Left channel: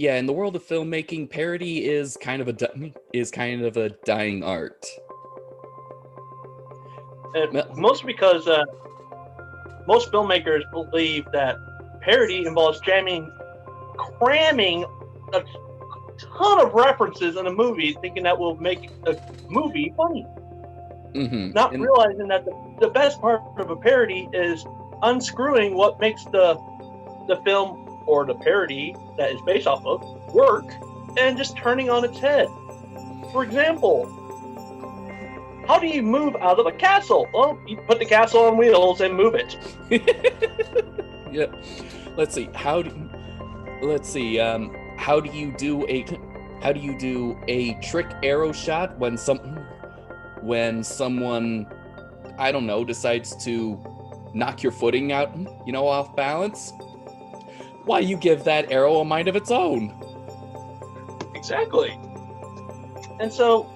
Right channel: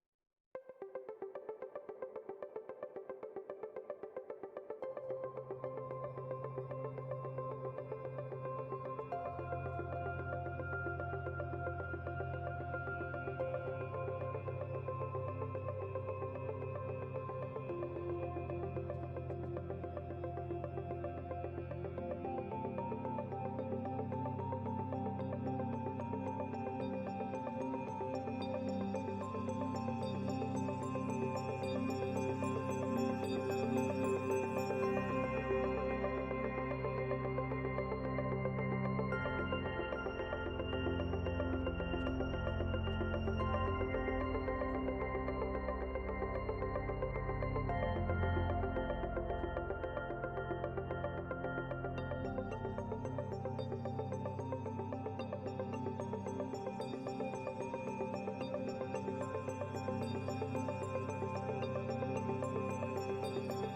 yeah, in the world of filmmaking, parody is kind of a dying art. And mostly because most filmmakers believe that parody involves cramming a ton of references in a movie, thinking that will make a movie funny. Not realizing that the best part of a parody is unscrewing what makes the film or the parody that is based off of work and just turning on its head. For example, how do you move out of a castle? Well, you put the castle on wheels and move it. Yeah. Let's see. How do you do a trick arrow shot when someone, I don't know, decides to knock your footing out, off balance? Why, you give that arrow a mind of its own. Exactly. And so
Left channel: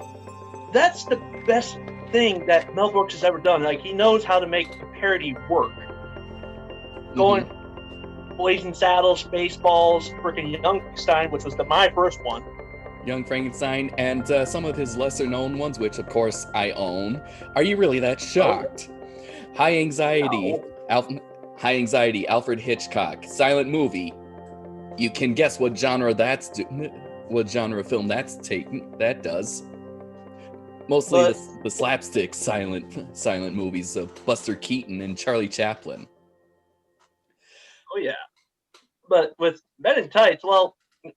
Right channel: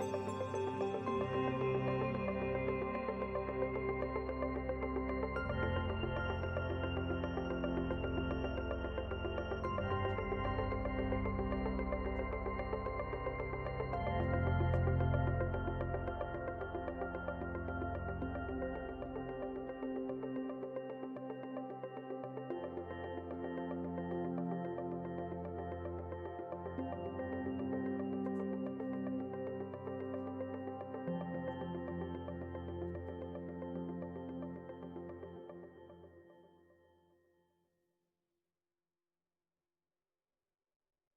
that's the best thing that Mel Brooks has ever done. Like, he knows how to make parody work. Going Blazing Saddles, Spaceballs, freaking Youngstein, which was my first one. Young Frankenstein, and some of his lesser known ones, which of course I own. Are you really that shocked? High Anxiety, Alfred Hitchcock, silent movie. You can guess what genre of film that does. Mostly the slapstick silent movies of Buster Keaton and Charlie Chaplin. Oh yeah, but with Men in Tights, well,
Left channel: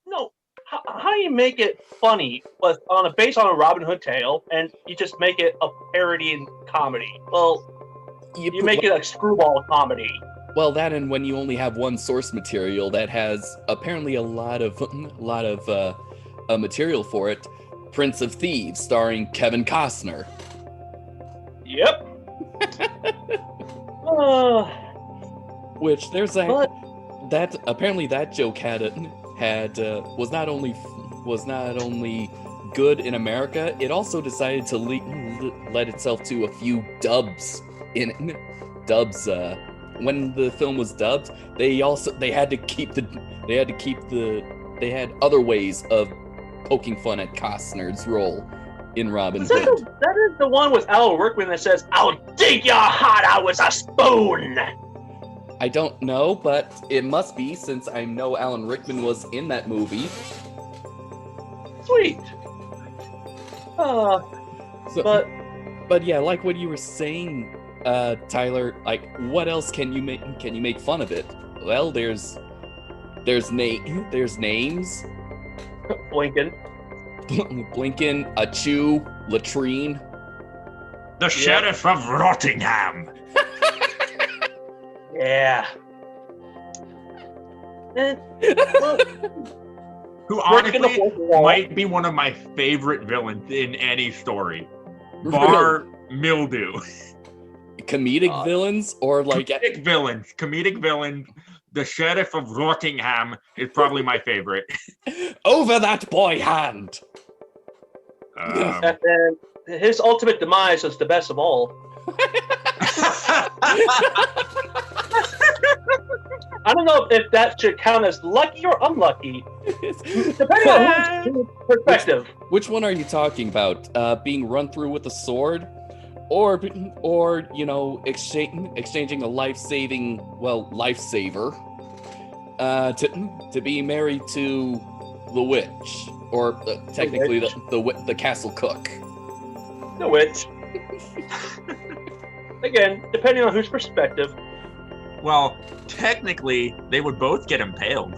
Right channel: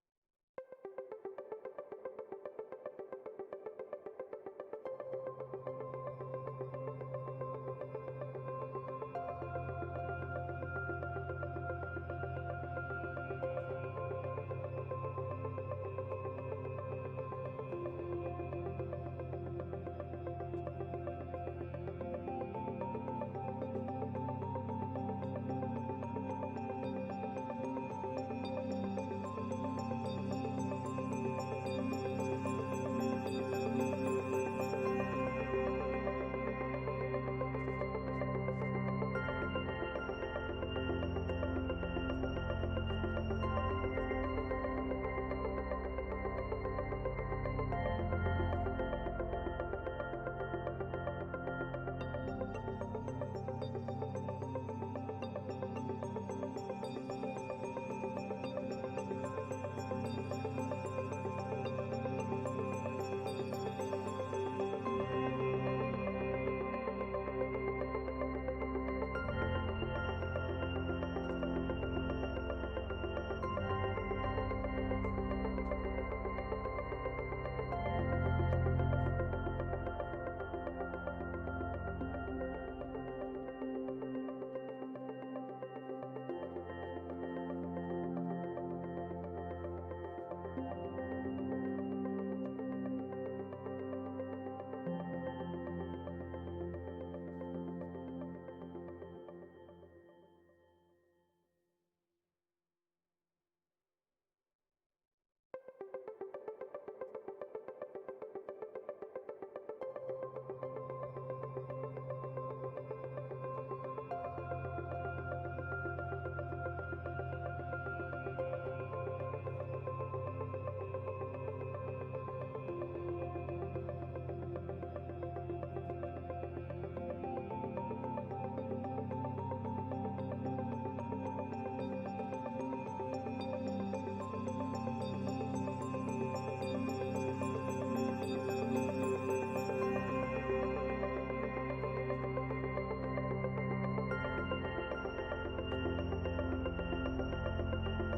no. How do you make it funny, but based on a Robin Hood tale, and you just make it a parody and comedy? Well, you make it a screwball comedy. Well, that, and when you only have one source material that has apparently a lot of material for it, Prince of Thieves, starring Kevin Costner. Yep. Which there's that apparently that joke was not only good in America, it also decided to led itself to a few dubs. When the film was dubbed, they had other ways of poking fun at Costner's role in Robin Hood. That is the one with Alan Rickman that says, "I'll dig your heart out with a spoon." I don't know, but it must be, since I know Alan Rickman was in that movie. Sweet. But yeah, like what you were saying, Tyler, like, what else can you make fun of it? Well, there's names. Blinken, Achoo, Latrine. The Sheriff of Rottingham. Yeah. Who honestly might be one of my favorite villains in any story. Bar Mildew. Comedic villains, or like comedic villains. The Sheriff of Rottingham is probably my favorite. Over that boy hand. And his ultimate demise is the best of all. I don't know if that should count as lucky or unlucky, depending on whose perspective. Which one are you talking about? Being run through with a sword, or exchanging a lifesaver, to be married to the witch, or technically the castle cook. The witch. Again, depending on whose perspective. Well, technically, they would both get impaled.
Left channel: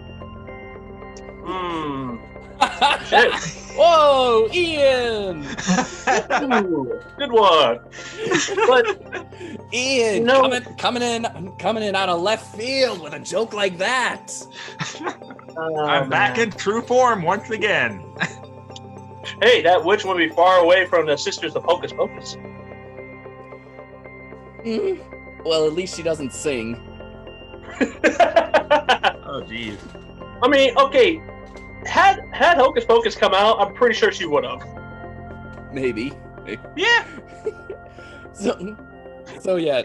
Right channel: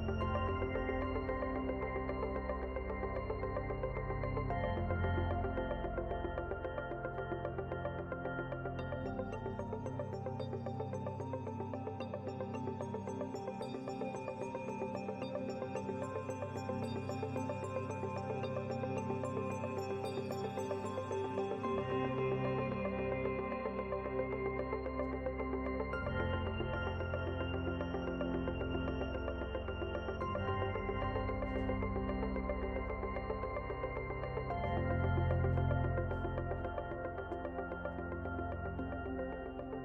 Shit. Whoa, Ian! Ooh, good one. But Ian, coming in out of left field with a joke like that. I'm back in true form once again. Hey, that witch would be far away from the Sisters of Hocus Pocus. Well, at least she doesn't sing. Oh, jeez. I mean, okay, had Hocus Pocus come out, I'm pretty sure she would have. Maybe. Yeah. So yeah,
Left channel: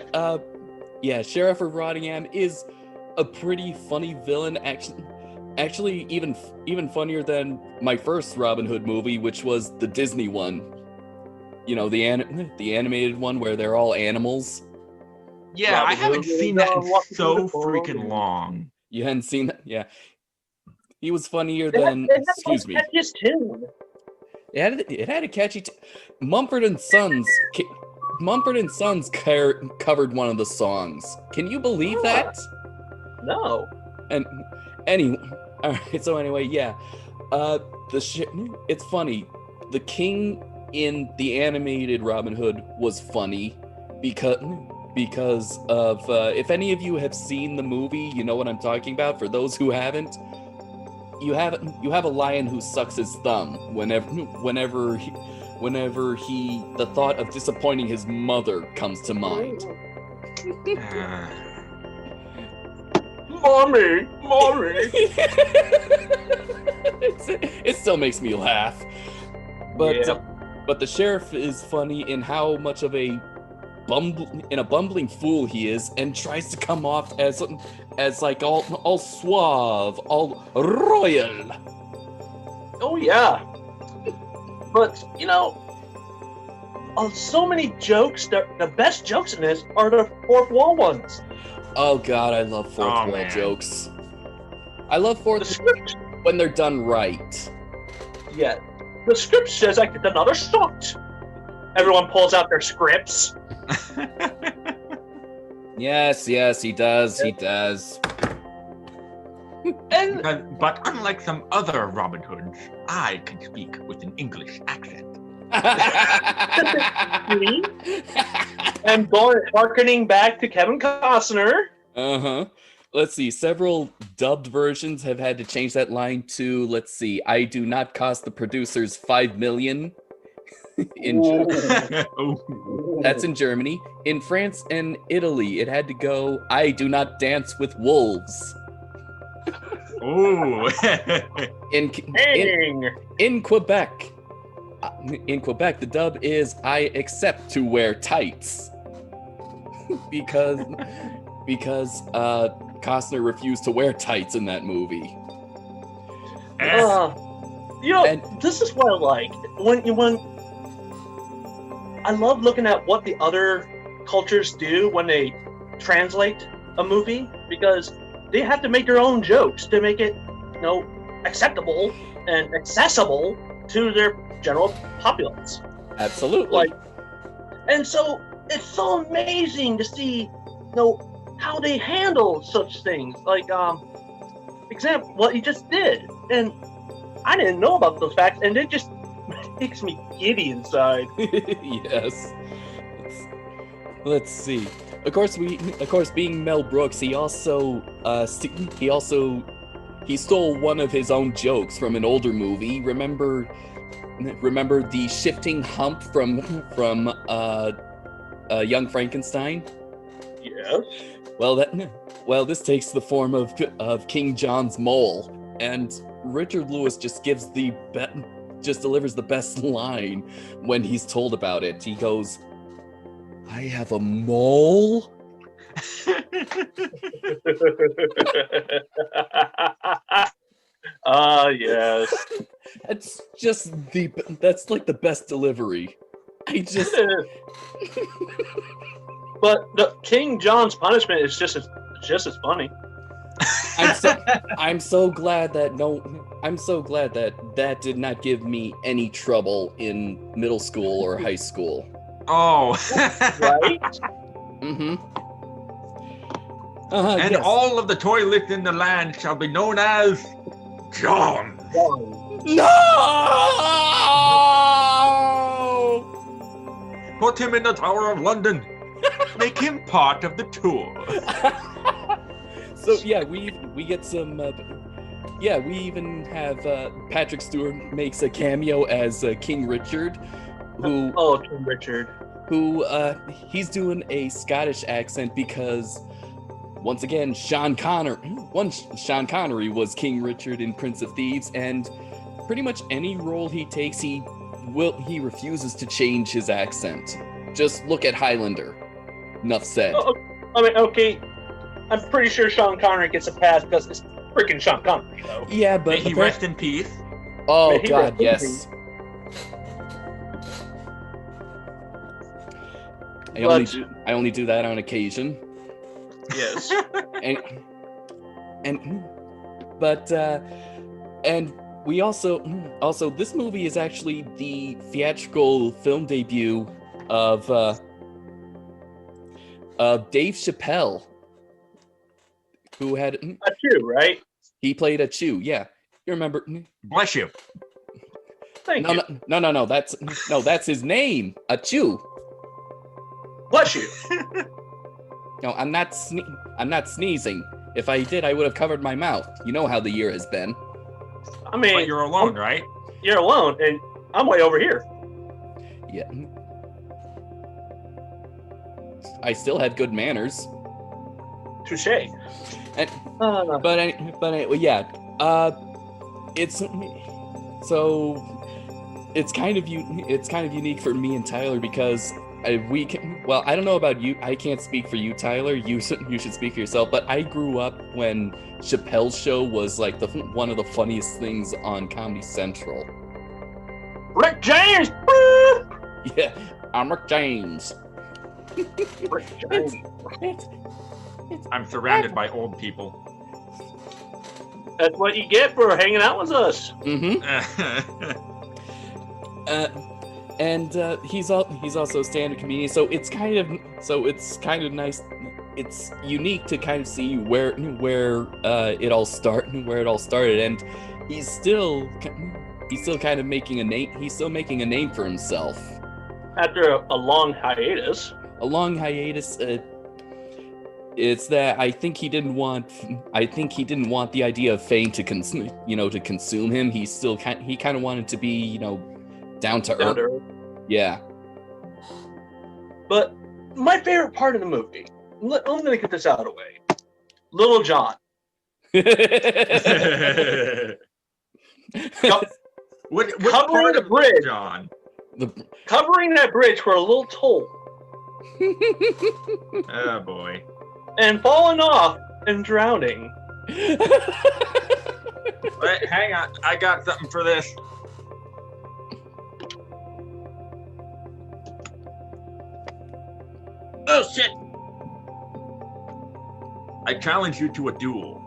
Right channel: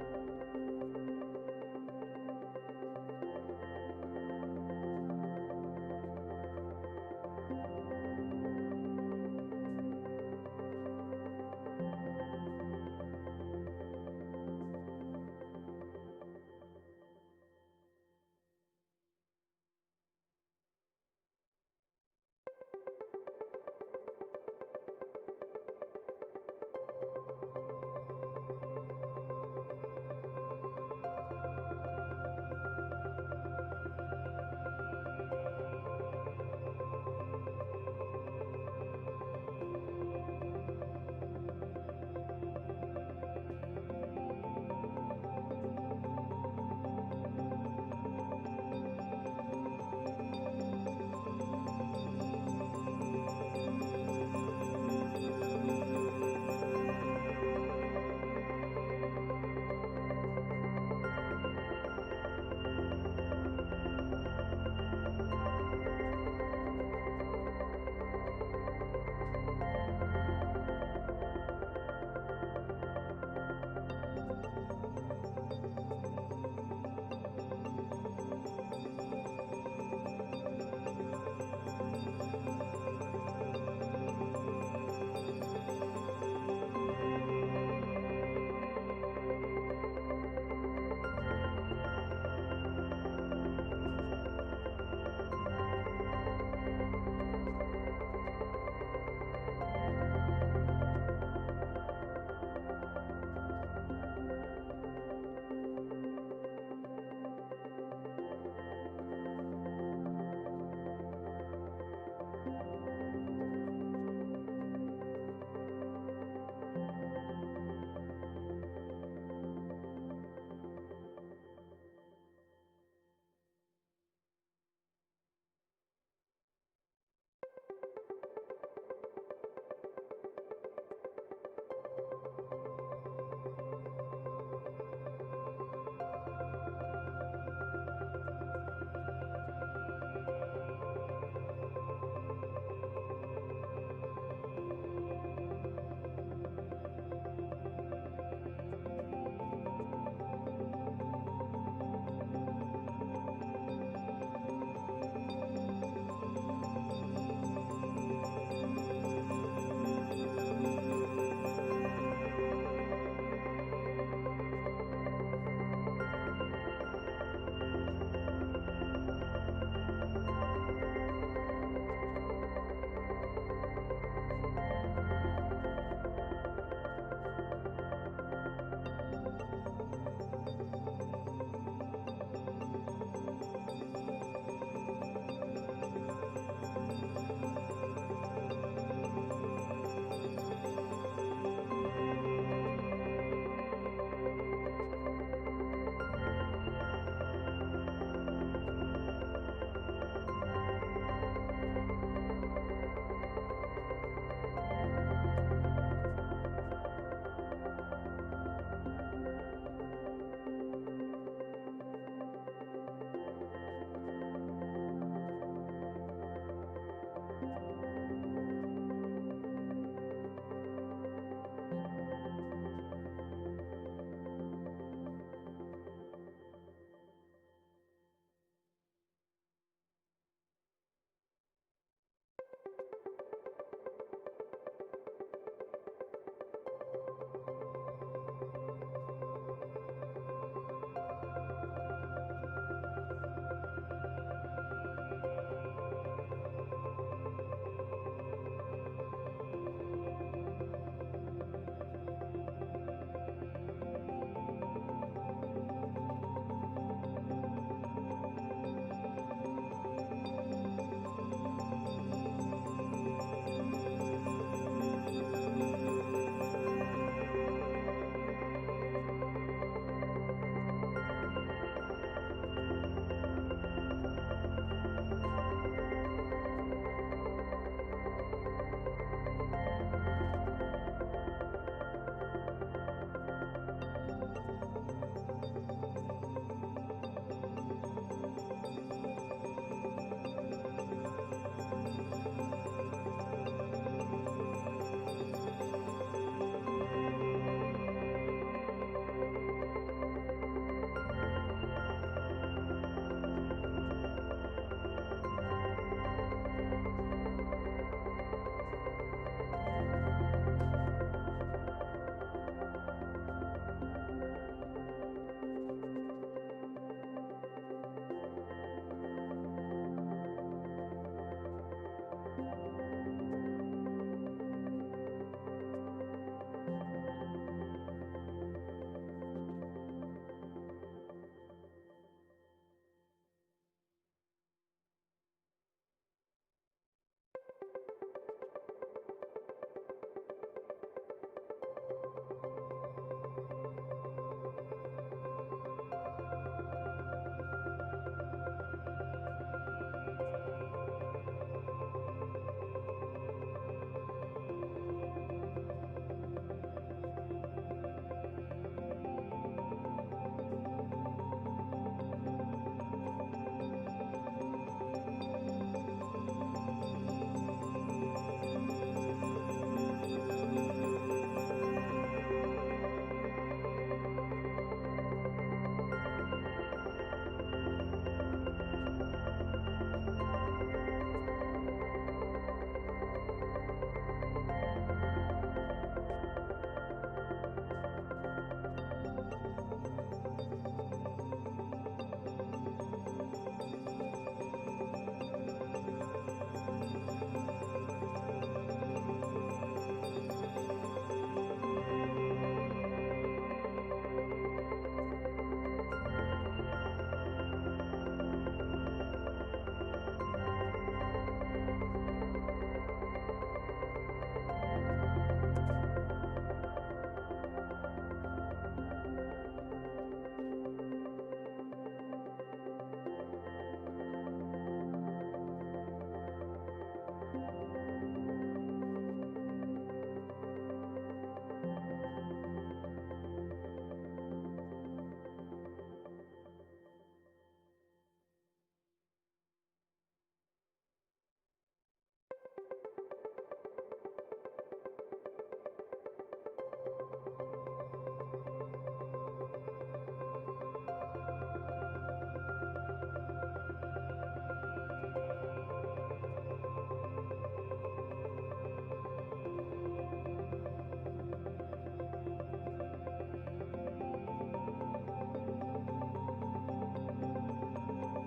Sheriff of Rottingham is a pretty funny villain. actually even funnier than my first Robin Hood movie, which was the Disney one. You know, the animated one where they're all animals. Yeah, Robin I haven't Hood seen was that on in what so was on. freaking long. You hadn't seen that? Yeah. He was funnier It had, than, it had excuse me. the catchiest tune. It had a catchy Mumford and Sons covered one of the songs. Can you believe that? No. And anyway, all right, so anyway, yeah. It's funny. The king in the animated Robin Hood was funny because of if any of you have seen the movie, you know what I'm talking about. For those who haven't, you have a lion who sucks his thumb whenever the thought of disappointing his mother comes to mind. Mommy. It still makes me laugh. But Yeah. but the sheriff is funny in how much of a bumbling fool he is, and tries to come off as like all suave, all royal. Oh yeah. But so many jokes. The best jokes in this are the fourth wall ones. Oh God, I love fourth wall man. jokes. I love The fourth script, when they're done right. yeah. The script says I get another shot. Everyone pulls out their scripts. Yes, he does. He does. And But unlike some other Robin Hoods, I can speak with an English accent. and harkening back to Kevin Costner. Uh-huh. Let's see. Several dubbed versions have had to change that line to, let's see, I do not cost the producers $5 million. That's in Germany. In France and Italy, it had to go, I do not dance with wolves. Ooh. In Quebec, the dub is I accept to wear tights. because Costner refused to wear tights in that movie. This is what I like. When I love looking at what the other cultures do when they translate a movie, because they have to make their own jokes to make it, acceptable and accessible to their general populace. Absolutely. And so it's so amazing to see, how they handle such things. Like, example, what he just did, and I didn't know about those facts, and it just makes me giddy inside. Yes. Let's see. Of course, being Mel Brooks, he also he stole one of his own jokes from an older movie. Remember the shifting hump from Young Frankenstein? Yes. Well, this takes the form of King John's mole, and Richard Lewis just delivers the best line when he's told about it. He goes, "I have a mole?" Yes. That's like the best delivery. But the King John's punishment is just as funny. I'm so glad that did not give me any trouble in middle school or high school. Oh. Right? Mm-hmm. And yes. all of the toilets in the land shall be known as John. No! Put him in the Tower of London. Make him part of the tour. So yeah, we get some. We even have Patrick Stewart makes a cameo as King Richard, who. Oh, King Richard. Who he's doing a Scottish accent because, once again, Sean Connery was King Richard in Prince of Thieves, and pretty much any role he takes, he refuses to change his accent. Just look at Highlander. Enough said. Okay. I'm pretty sure Sean Connery gets a pass because freaking Sean Connery, though. Yeah, but May he rest in peace. oh May he God, rest in yes. peace. I only do that on occasion. Yes. And we also this movie is actually the theatrical film debut of Dave Chappelle, who had That's you, right? he played a Chew. Yeah, you remember? Bless you. Thank you. No. That's his name, a Chew. Bless you. No, I'm not sneezing. If I did, I would have covered my mouth. You know how the year has been. I mean, But you're alone, right? You're alone, and I'm way over here. Yeah. I still had good manners. Touche. And, but anyway, yeah. It's kind of unique for me and Tyler because I don't know about you. I can't speak for you, Tyler. You should speak for yourself. But I grew up when Chappelle's Show was like one of the funniest things on Comedy Central. Rick James. Yeah, I'm Rick James. Rick James. I'm surrounded by old people. That's what you get for hanging out with us. Mm-hmm. And he's also a stand-up comedian, so it's kind of nice. It's unique to kind of see where it all started, and he's still kind of making a name. He's still making a name for himself After a long hiatus. It's that I think he didn't want the idea of fame to consume him. He kind of wanted to be, down to earth. Yeah. But my favorite part of the movie, I'm going to get this out of the way. Little John. What Covering part the of bridge. John? Covering that bridge for a little toll. Oh boy. And falling off and drowning. Wait, hang on. I got something for this. Oh shit! I challenge you to a duel.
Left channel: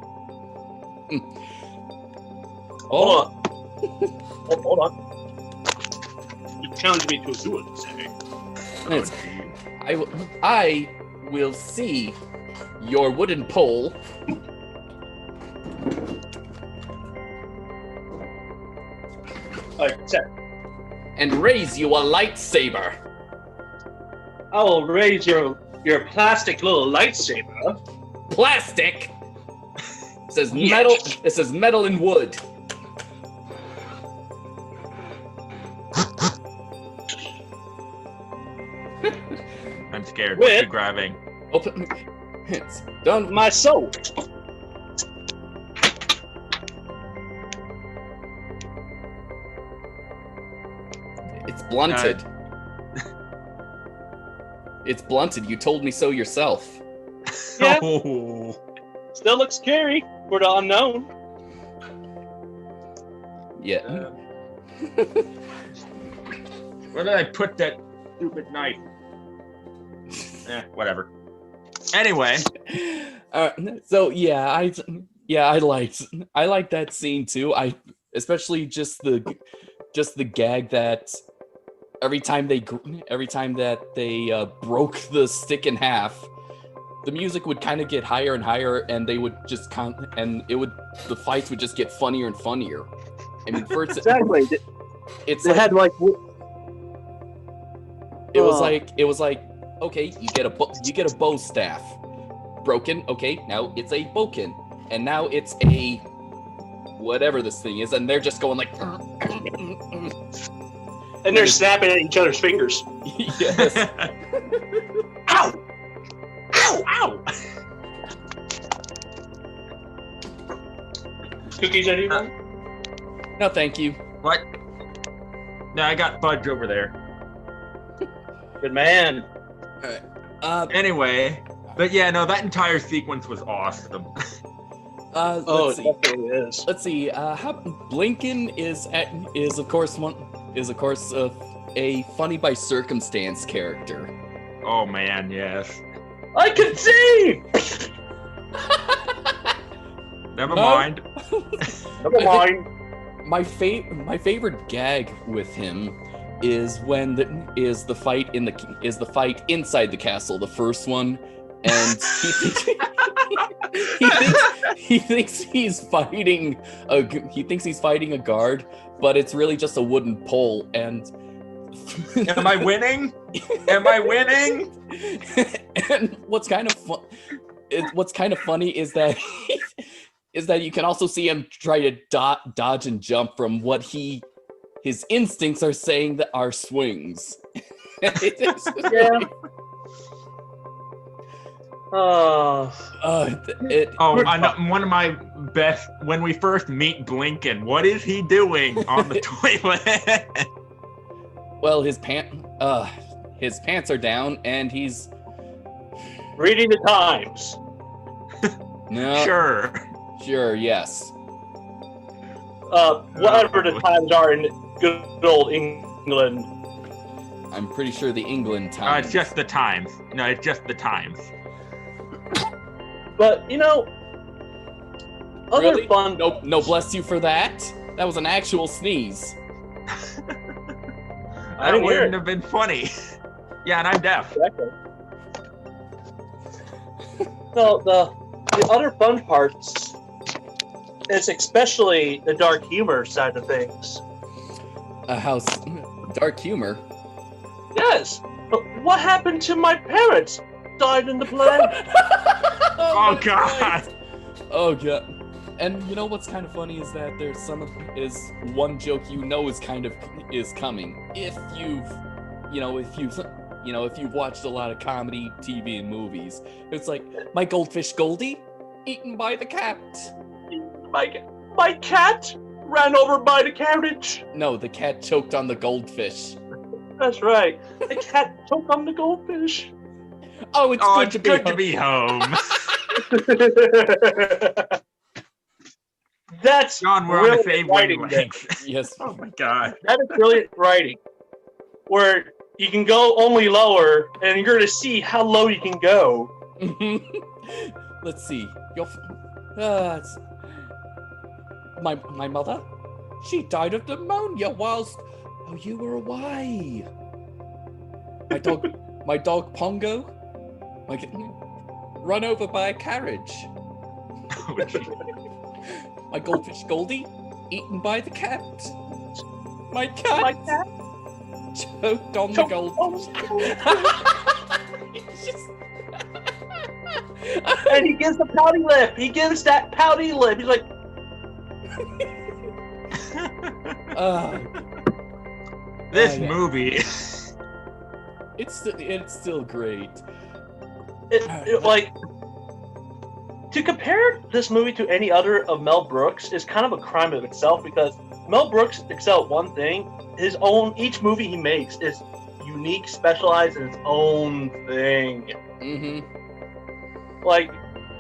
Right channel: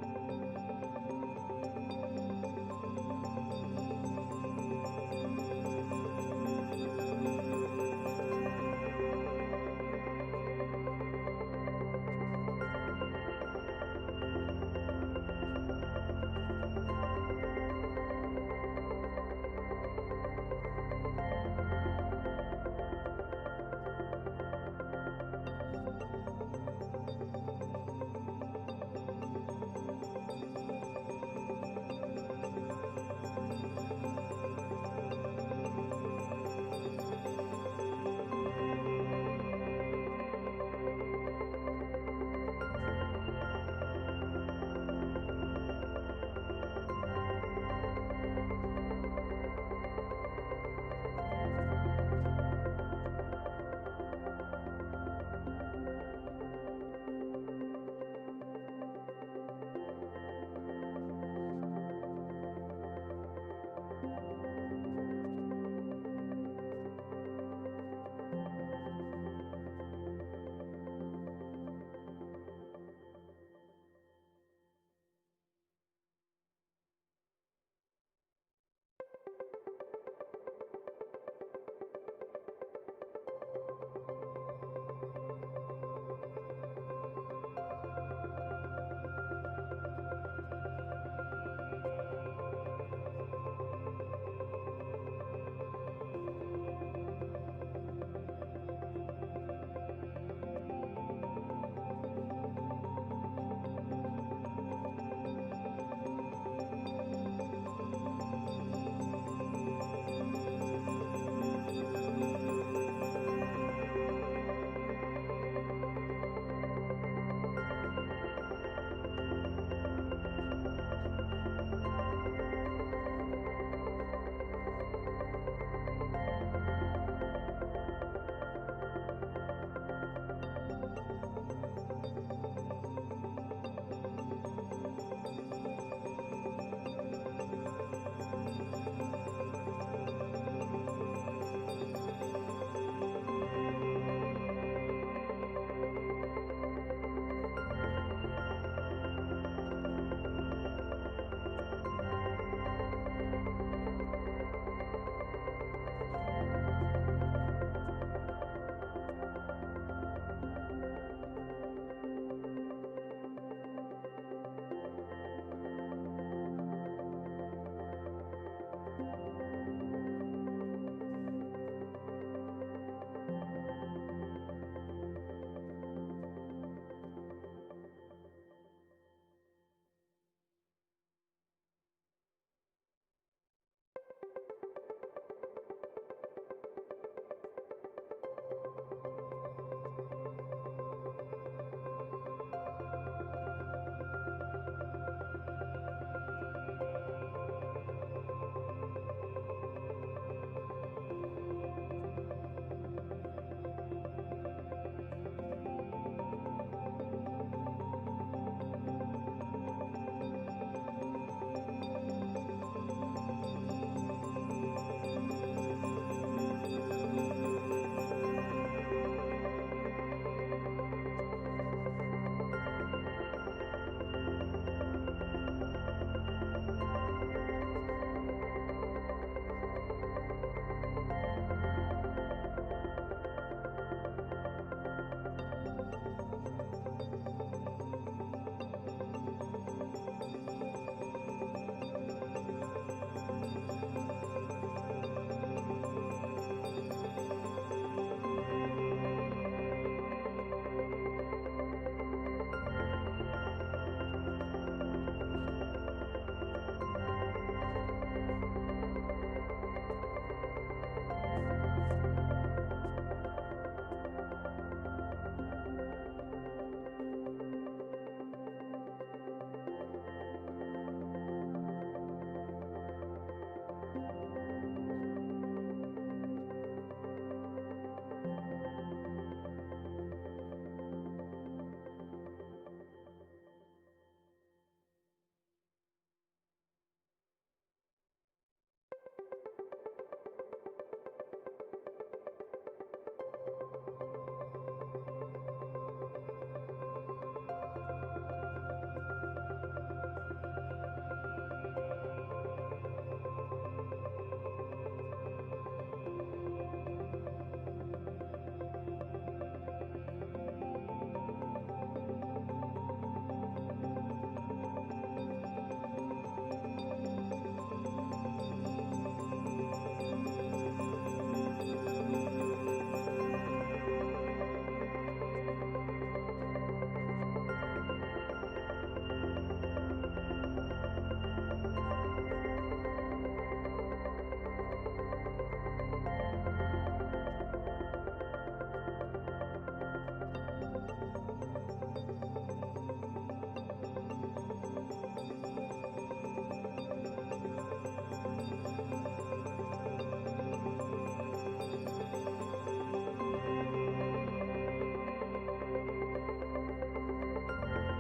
Hold on. You challenged me to a duel, you say. Yes. I will see your wooden pole. And raise you a lightsaber. I will raise your plastic little lightsaber. Plastic. It says Yes. metal. It says metal and wood. I'm scared. With- What you grabbing? Open. It's done. My soul. It's blunted. It's blunted. You told me so yourself. Yeah. Oh. Still looks scary for the unknown. Yeah. Where did I put that stupid knife? Whatever. Anyway. So yeah, I liked that scene too. Especially just the gag that every time that they broke the stick in half, the music would kind of get higher and higher, and they would just the fights would just get funnier and funnier. I mean, first Exactly. it's They like, had like. it was like okay, you get a bow staff broken. Okay, now it's a boken, and now it's a whatever this thing is, and they're just going like. And they're snapping at each other's fingers. Yes. Ow! Ow! Ow! Cookies, anyone? No, thank you. What? No, I got fudge over there. Good man. Anyway, but yeah, no, that entire sequence was awesome. Oh, Let's it see. definitely is. Let's see. How Blinken is of course a funny by circumstance character. Oh man, yes. I can see! Never No. mind. Never mind. My favorite gag with him is when the fight inside the castle, the first one, and he thinks he's fighting a guard, but it's really just a wooden pole. And Am I winning? Am I winning? And what's kind of funny is that you can also see him try to dodge and jump from what his instincts are saying that are swings. Yeah. Oh, I know, one of my best, when we first meet Blinken, what is he doing on the toilet? Well, his pants are down, and he's Reading the Times. no Sure. Yes. Whatever the times are in good old England. I'm pretty sure the England Times. It's just the Times. No, it's just the Times. But, other Really? fun... No, bless you for that. That was an actual sneeze. I didn't hear wouldn't it. have been funny. Yeah, and I'm deaf. Exactly. So, the other fun parts is especially the dark humor side of things. A house, dark humor. Yes, but what happened to my parents? Died in the plague? Oh, that's God. right. Oh god. And you know what's kind of funny is that there's one joke is coming if you've watched a lot of comedy TV and movies. It's like, my goldfish Goldie eaten by the cat. My cat ran over by the carriage. No, the cat choked on the goldfish. That's right. The cat choked on the goldfish. Oh, it's Oh, good it's to be good to home. be home. That's John, we're on the brilliant same writing there. wavelength. Yes. Oh my God. That is brilliant writing. Where you can go only lower, and you're gonna see how low you can go. Let's see. My mother, she died of pneumonia whilst you were away. My dog Pongo, run over by a carriage. My goldfish Goldie, eaten by the cat. My cat, My cat choked on the choked goldfish. and he gives the pouty lip. He gives that pouty lip. He's like, This yeah. movie. It's still great. like, to compare this movie to any other of Mel Brooks is kind of a crime of itself, because Mel Brooks excels at one thing. Each movie he makes is unique, specialized in its own thing. Mm-hmm. Like,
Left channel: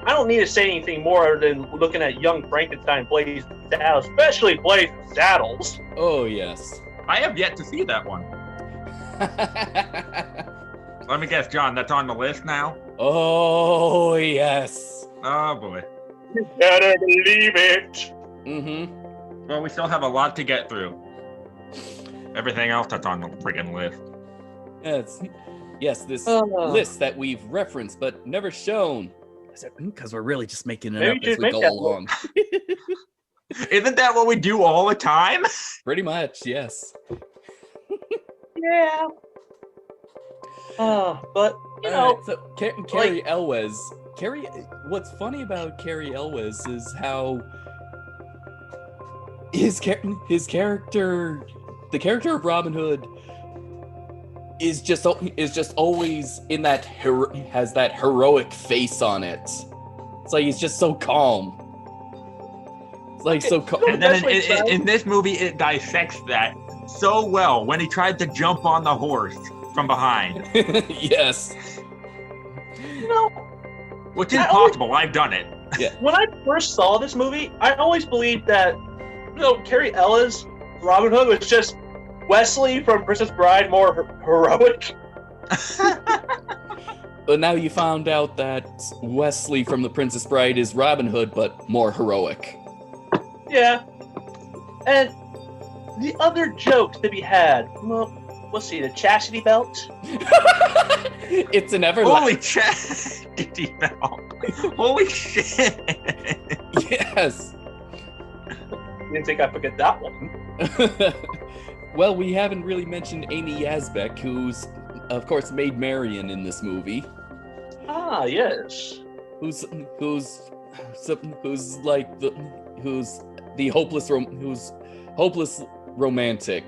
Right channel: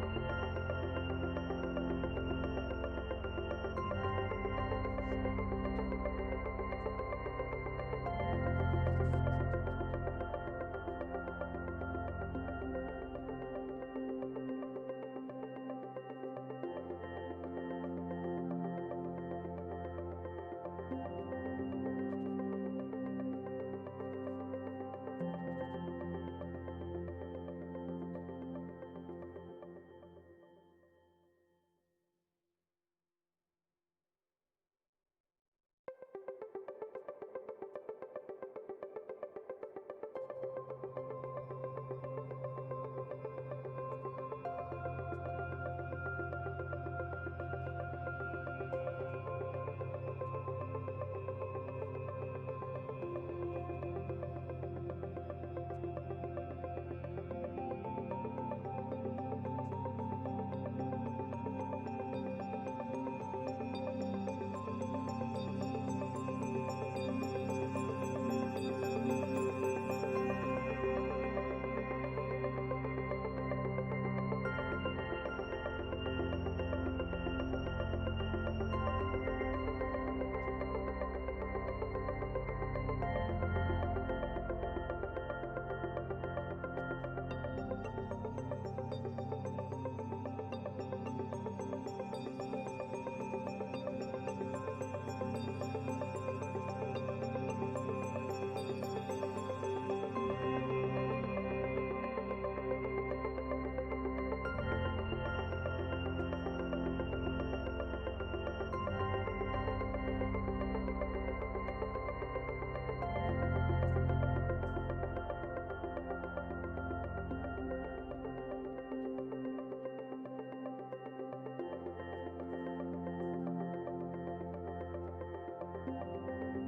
I don't need to say anything more than looking at Young Frankenstein, Blaze Saddles, especially Blaze Saddles. Oh yes. I have yet to see that one. Let me guess, John, that's on the list now? Oh yes. Oh boy. You better believe it. Mm-hmm. Well, we still have a lot to get through. Everything else that's on the friggin' list. Yes, this list that we've referenced but never shown. Because we're really just making it Maybe up you as should we make go that along. Isn't that what we do all the time? Pretty much, yes. Yeah. But, you know, Alright, so Carrie Elwes. What's funny about Carrie Elwes is how his character, the character of Robin Hood, is just always in that has that heroic face on it. It's like he's just so calm. It's like so calm. And then in this movie, it dissects that so well when he tried to jump on the horse from behind. Yes. you know, Which is possible. I've done it. Yeah. When I first saw this movie, I always believed that, Carrie Ellis, Robin Hood, was just Wesley from Princess Bride, more heroic. But now you found out that Wesley from The Princess Bride is Robin Hood, but more heroic. Yeah. And the other jokes that we had, well, let's see, the chastity belt. It's an Holy chastity belt. Holy shit. Yes. Didn't think I'd forget that one. Well, we haven't really mentioned Amy Yazbek, who's, of course, Maid Marian in this movie. Ah, yes. Who's the hopeless romantic,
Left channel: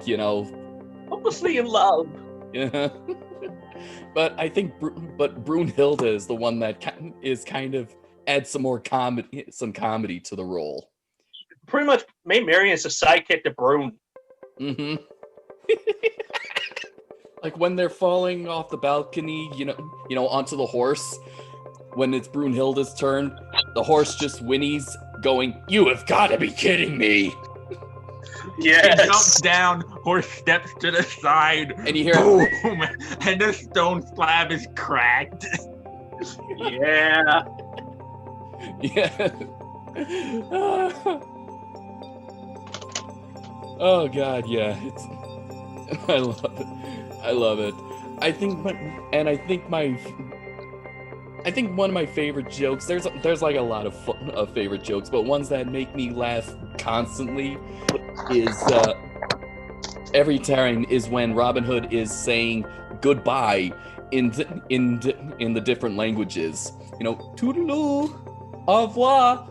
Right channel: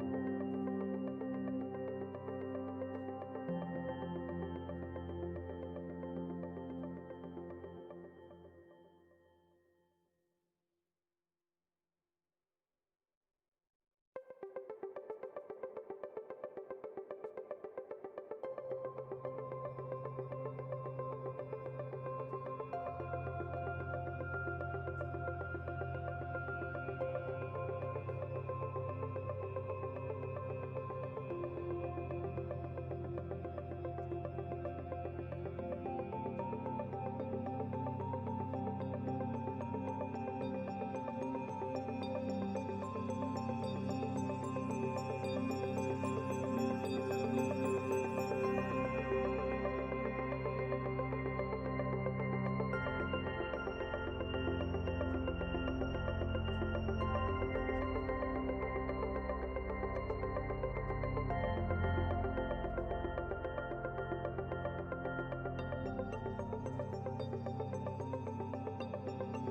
Hopelessly in love. Yeah. But I think Brunhilde is the one that is kind of adds some comedy to the role. Pretty much, Maid Marian is a sidekick to Brune. Mm-hmm. Like when they're falling off the balcony, onto the horse. When it's Brunhilde's turn, the horse just whinnies, going, "You have got to be kidding me!" Yes. He jumps down, horse steps to the side, And you hear, boom, and the stone slab is cracked. Yeah. Yeah. Oh God, yeah. I love it. I think one of my favorite jokes. There's like a lot of favorite jokes, but ones that make me laugh constantly is every time is when Robin Hood is saying goodbye in the different languages. Toodaloo, au revoir,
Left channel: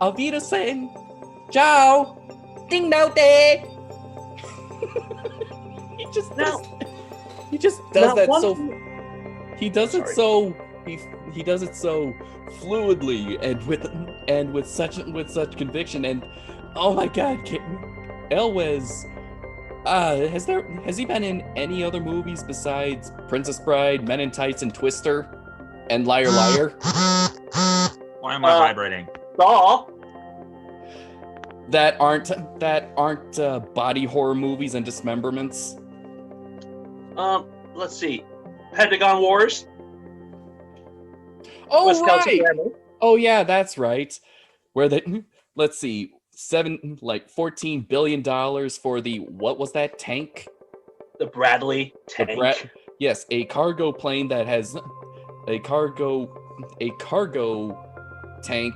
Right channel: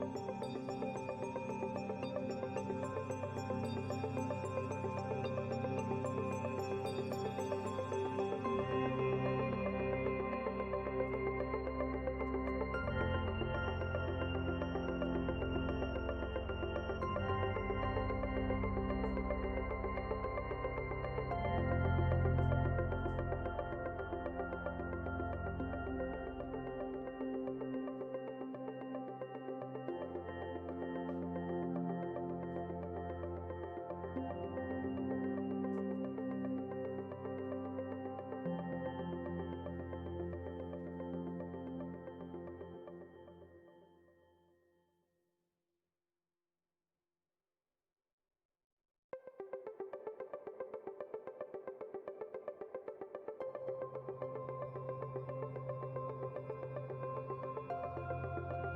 auf Wiedersehen, ciao, ding dao day. He just does that so. He does it so. He does it so fluidly and with such conviction. And oh my God, Elwes. Has he been in any other movies besides Princess Bride, Men in Tights, and Twister, and Liar Liar? Why am I vibrating? Saw. That aren't body horror movies and dismemberments. Let's see, Pentagon Wars. Oh right. Oh yeah, that's right. Where let's see, $14 billion for the, what was that tank? The Bradley tank. Yes, a cargo plane that has a cargo tank.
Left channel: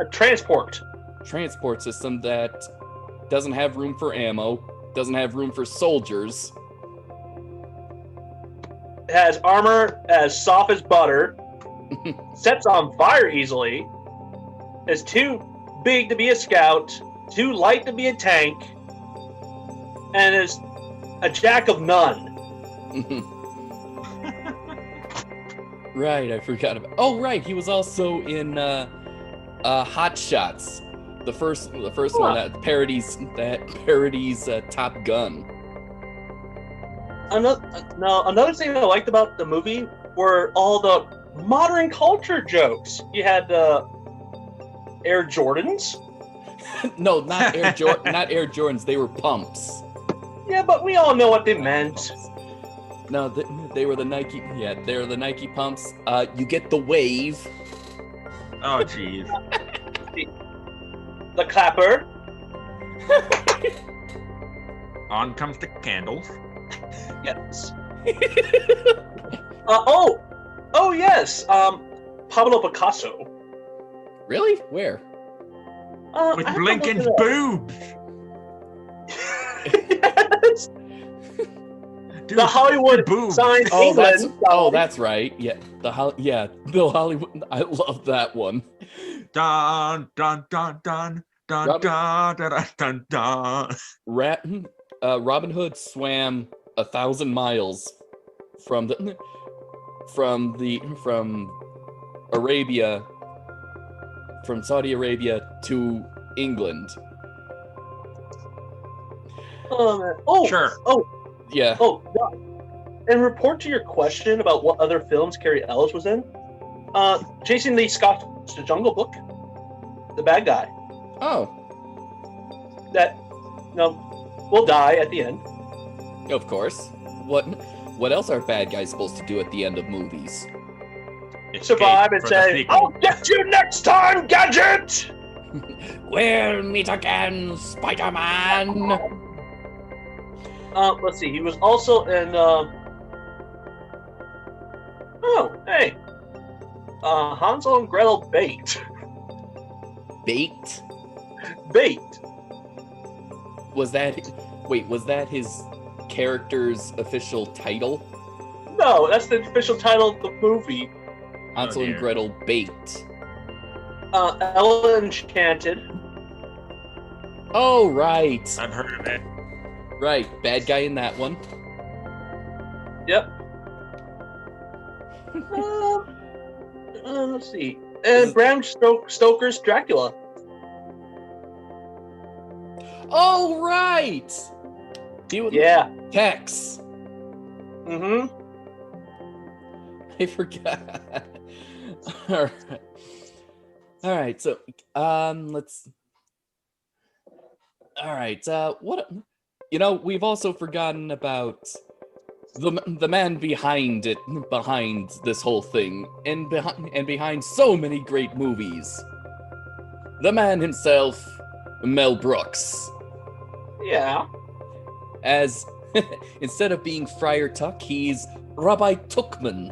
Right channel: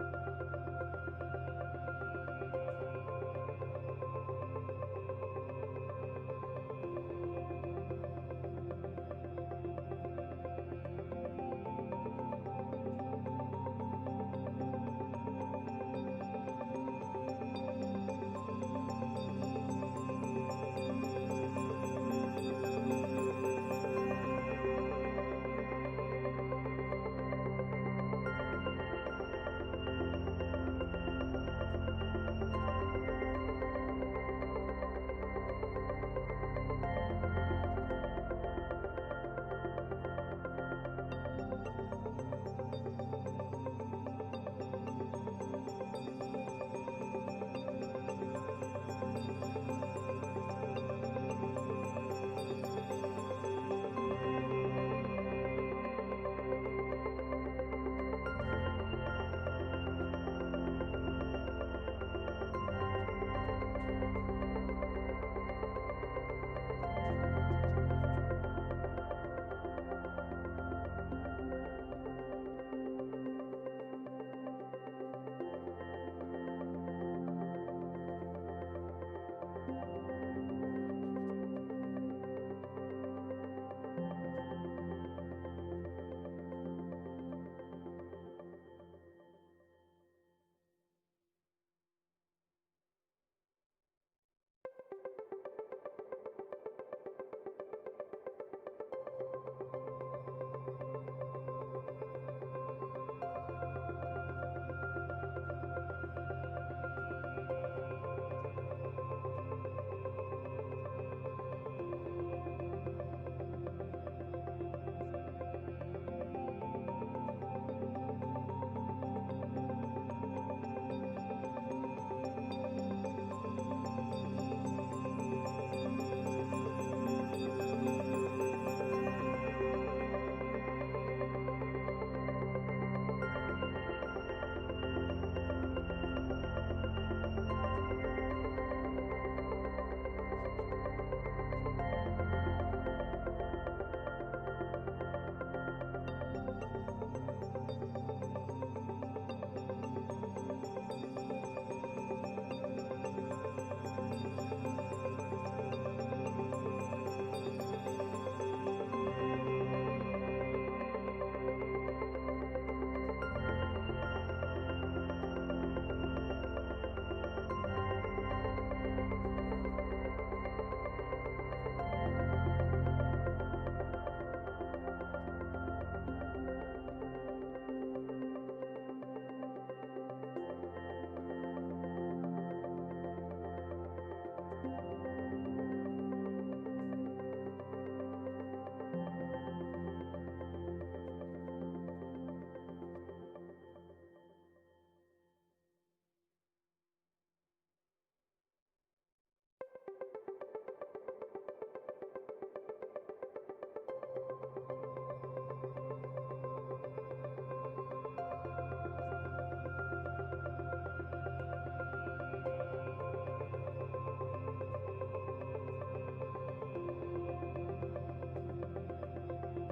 A transport system that doesn't have room for ammo, doesn't have room for soldiers. It has armor as soft as butter, sets on fire easily, is too big to be a scout, too light to be a tank, and is a jack of none. Right, I forgot about. Oh right, he was also in Hot Shots, the first one that parodies Top Gun. Another thing I liked about the movie were all the modern culture jokes. You had Air Jordans. No, not Air Jordans. They were pumps. Yeah, but we all know what they meant. No, they were the Nike. Yeah, they were the Nike pumps. You get the wave. Oh, jeez. The clapper. On comes the candles. Yes. Oh yes. Pablo Picasso. Really? Where? With Blinken's boobs. Yes. Dude, The Hollywood boobs. sign. That's right. Yeah, the Hollywood. I love that one. Dun dun dun dun dun dun dun dun dun. Robin Hood swam 1,000 miles from Saudi Arabia to England. Oh man. Oh sure. Oh yeah. Oh. In report to your question about what other films Carrie Ellis was in, Jason Lee Scott's The Jungle Book. the bad guy Oh, that will die at the end. of course. What else are bad guys supposed to do at the end of movies? Survive and say, "I'll get you next time, Gadget." We'll meet again, Spider-Man. Let's see. He was also in. Oh, hey. Hansel and Gretel Baked. Baked? Baked. Was that his character's official title? No, that's the official title of the movie. Hansel and Gretel Baked. Ella Enchanted. Oh, right. I've heard of it. Right, bad guy in that one. Yep. Let's see. And Bram Stoker's Dracula. Oh, right. He was Tex. Mm-hmm. I forgot. All right. So, let's. All right. What? We've also forgotten about the man behind this whole thing, and behind so many great movies. The man himself, Mel Brooks. Yeah. As instead of being Friar Tuck, he's Rabbi Tuckman.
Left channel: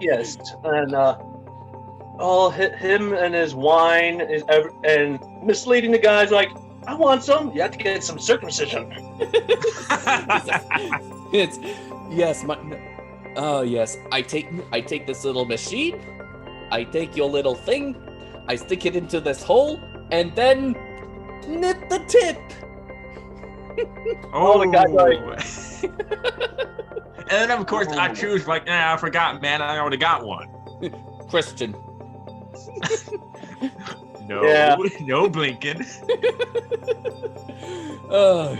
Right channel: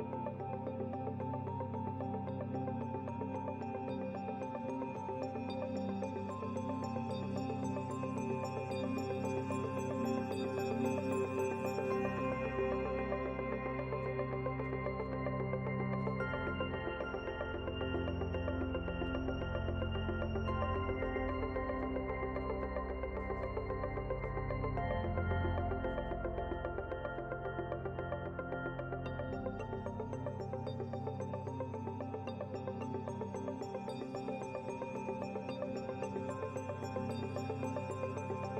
Yes, and him and his wine and misleading the guys like, I want some. You have to get some circumcision. It's yes, yes. I take this little machine. I take your little thing. I stick it into this hole, and then knit the tip. Oh, the guy's like. And then of course I choose like, I forgot, man. I already got one. Christian. No, Yeah. No blinking. Oh.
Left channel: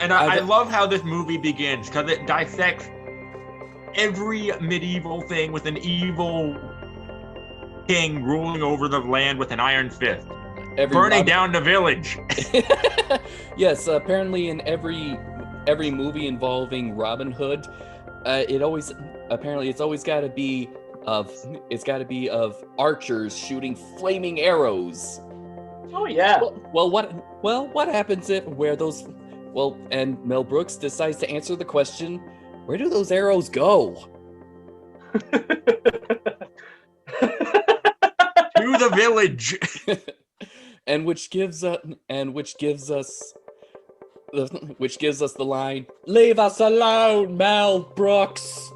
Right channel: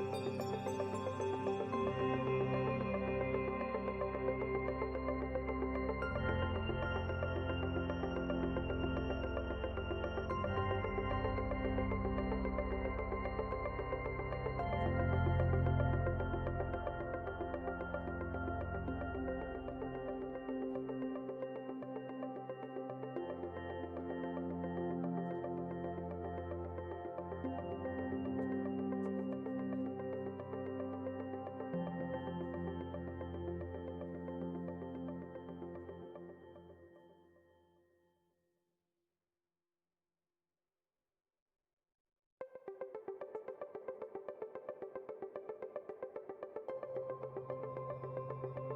And I love how this movie begins because it dissects every medieval thing with an evil king ruling over the land with an iron fist, burning down the village. Yes, apparently in every movie involving Robin Hood, it's always got to be of archers shooting flaming arrows. Oh yeah. What happens and Mel Brooks decides to answer the question, where do those arrows go? To the village. and which gives us the line, "Leave us alone, Mel Brooks."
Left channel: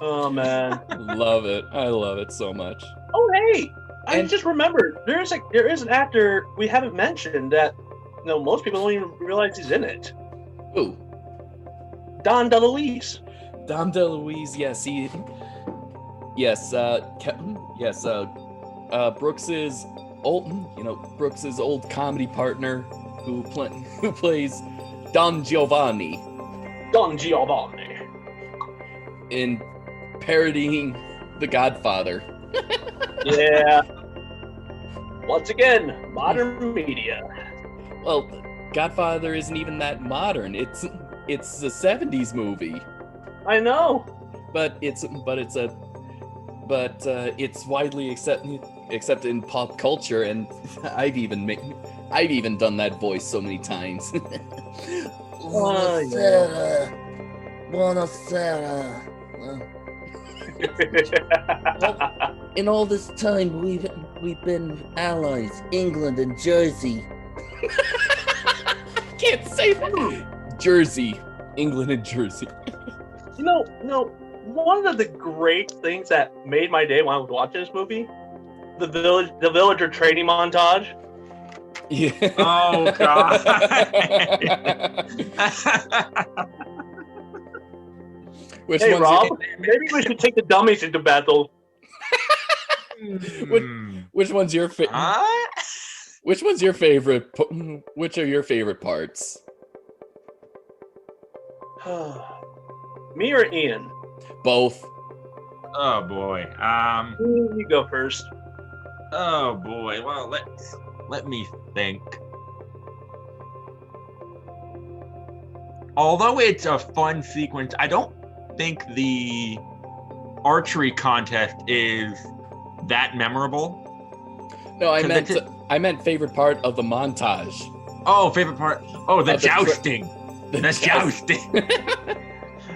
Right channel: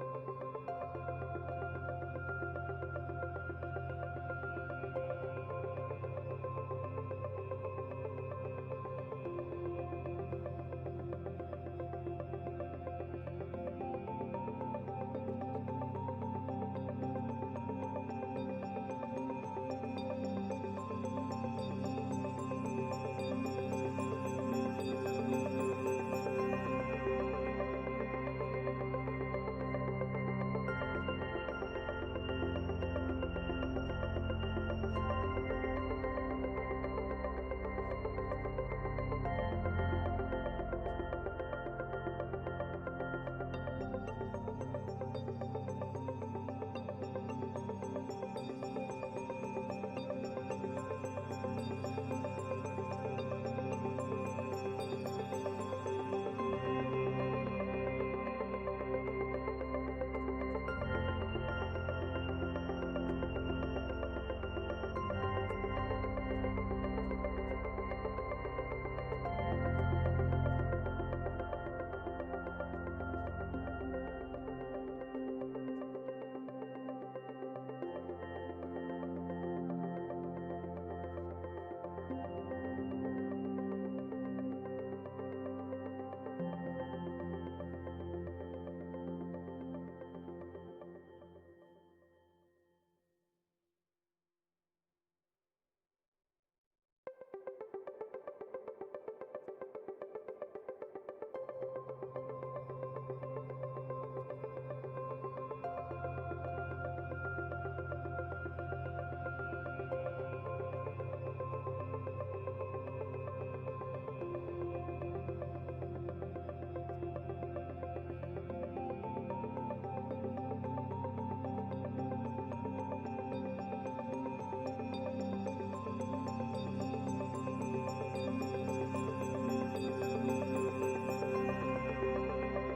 Oh man. Love it. I love it so much. Oh hey, I just remembered. There is an actor we haven't mentioned that most people don't even realize he's in it. Who? Don DeLuise. Dom DeLuise, yes, Brooks's old comedy partner who plays Don Giovanni in parodying The Godfather. Yeah. Once again, modern media. Well, Godfather isn't even that modern. It's a 70s movie. I know. But it's widely accepted in pop culture, and I've even done that voice so many times. Buonasera. In all this time, we've been allies, England and Jersey. Can't say that. Jersey, England and Jersey. One of the great things that made my day when I was watching this movie, the villager training montage. Yeah. Oh God. Hey Rob, maybe we should take the dummies into battle. Which one's your favorite? Which one's your favorite? Which are your favorite parts? Me or Ian? Both. Oh boy. You go first. Oh boy. Well, let me think. Although it's a fun sequence, I don't think the archery contest is that memorable. No, I meant favorite part of the montage. Oh, favorite part. Oh, the Of the jousting. The jousting.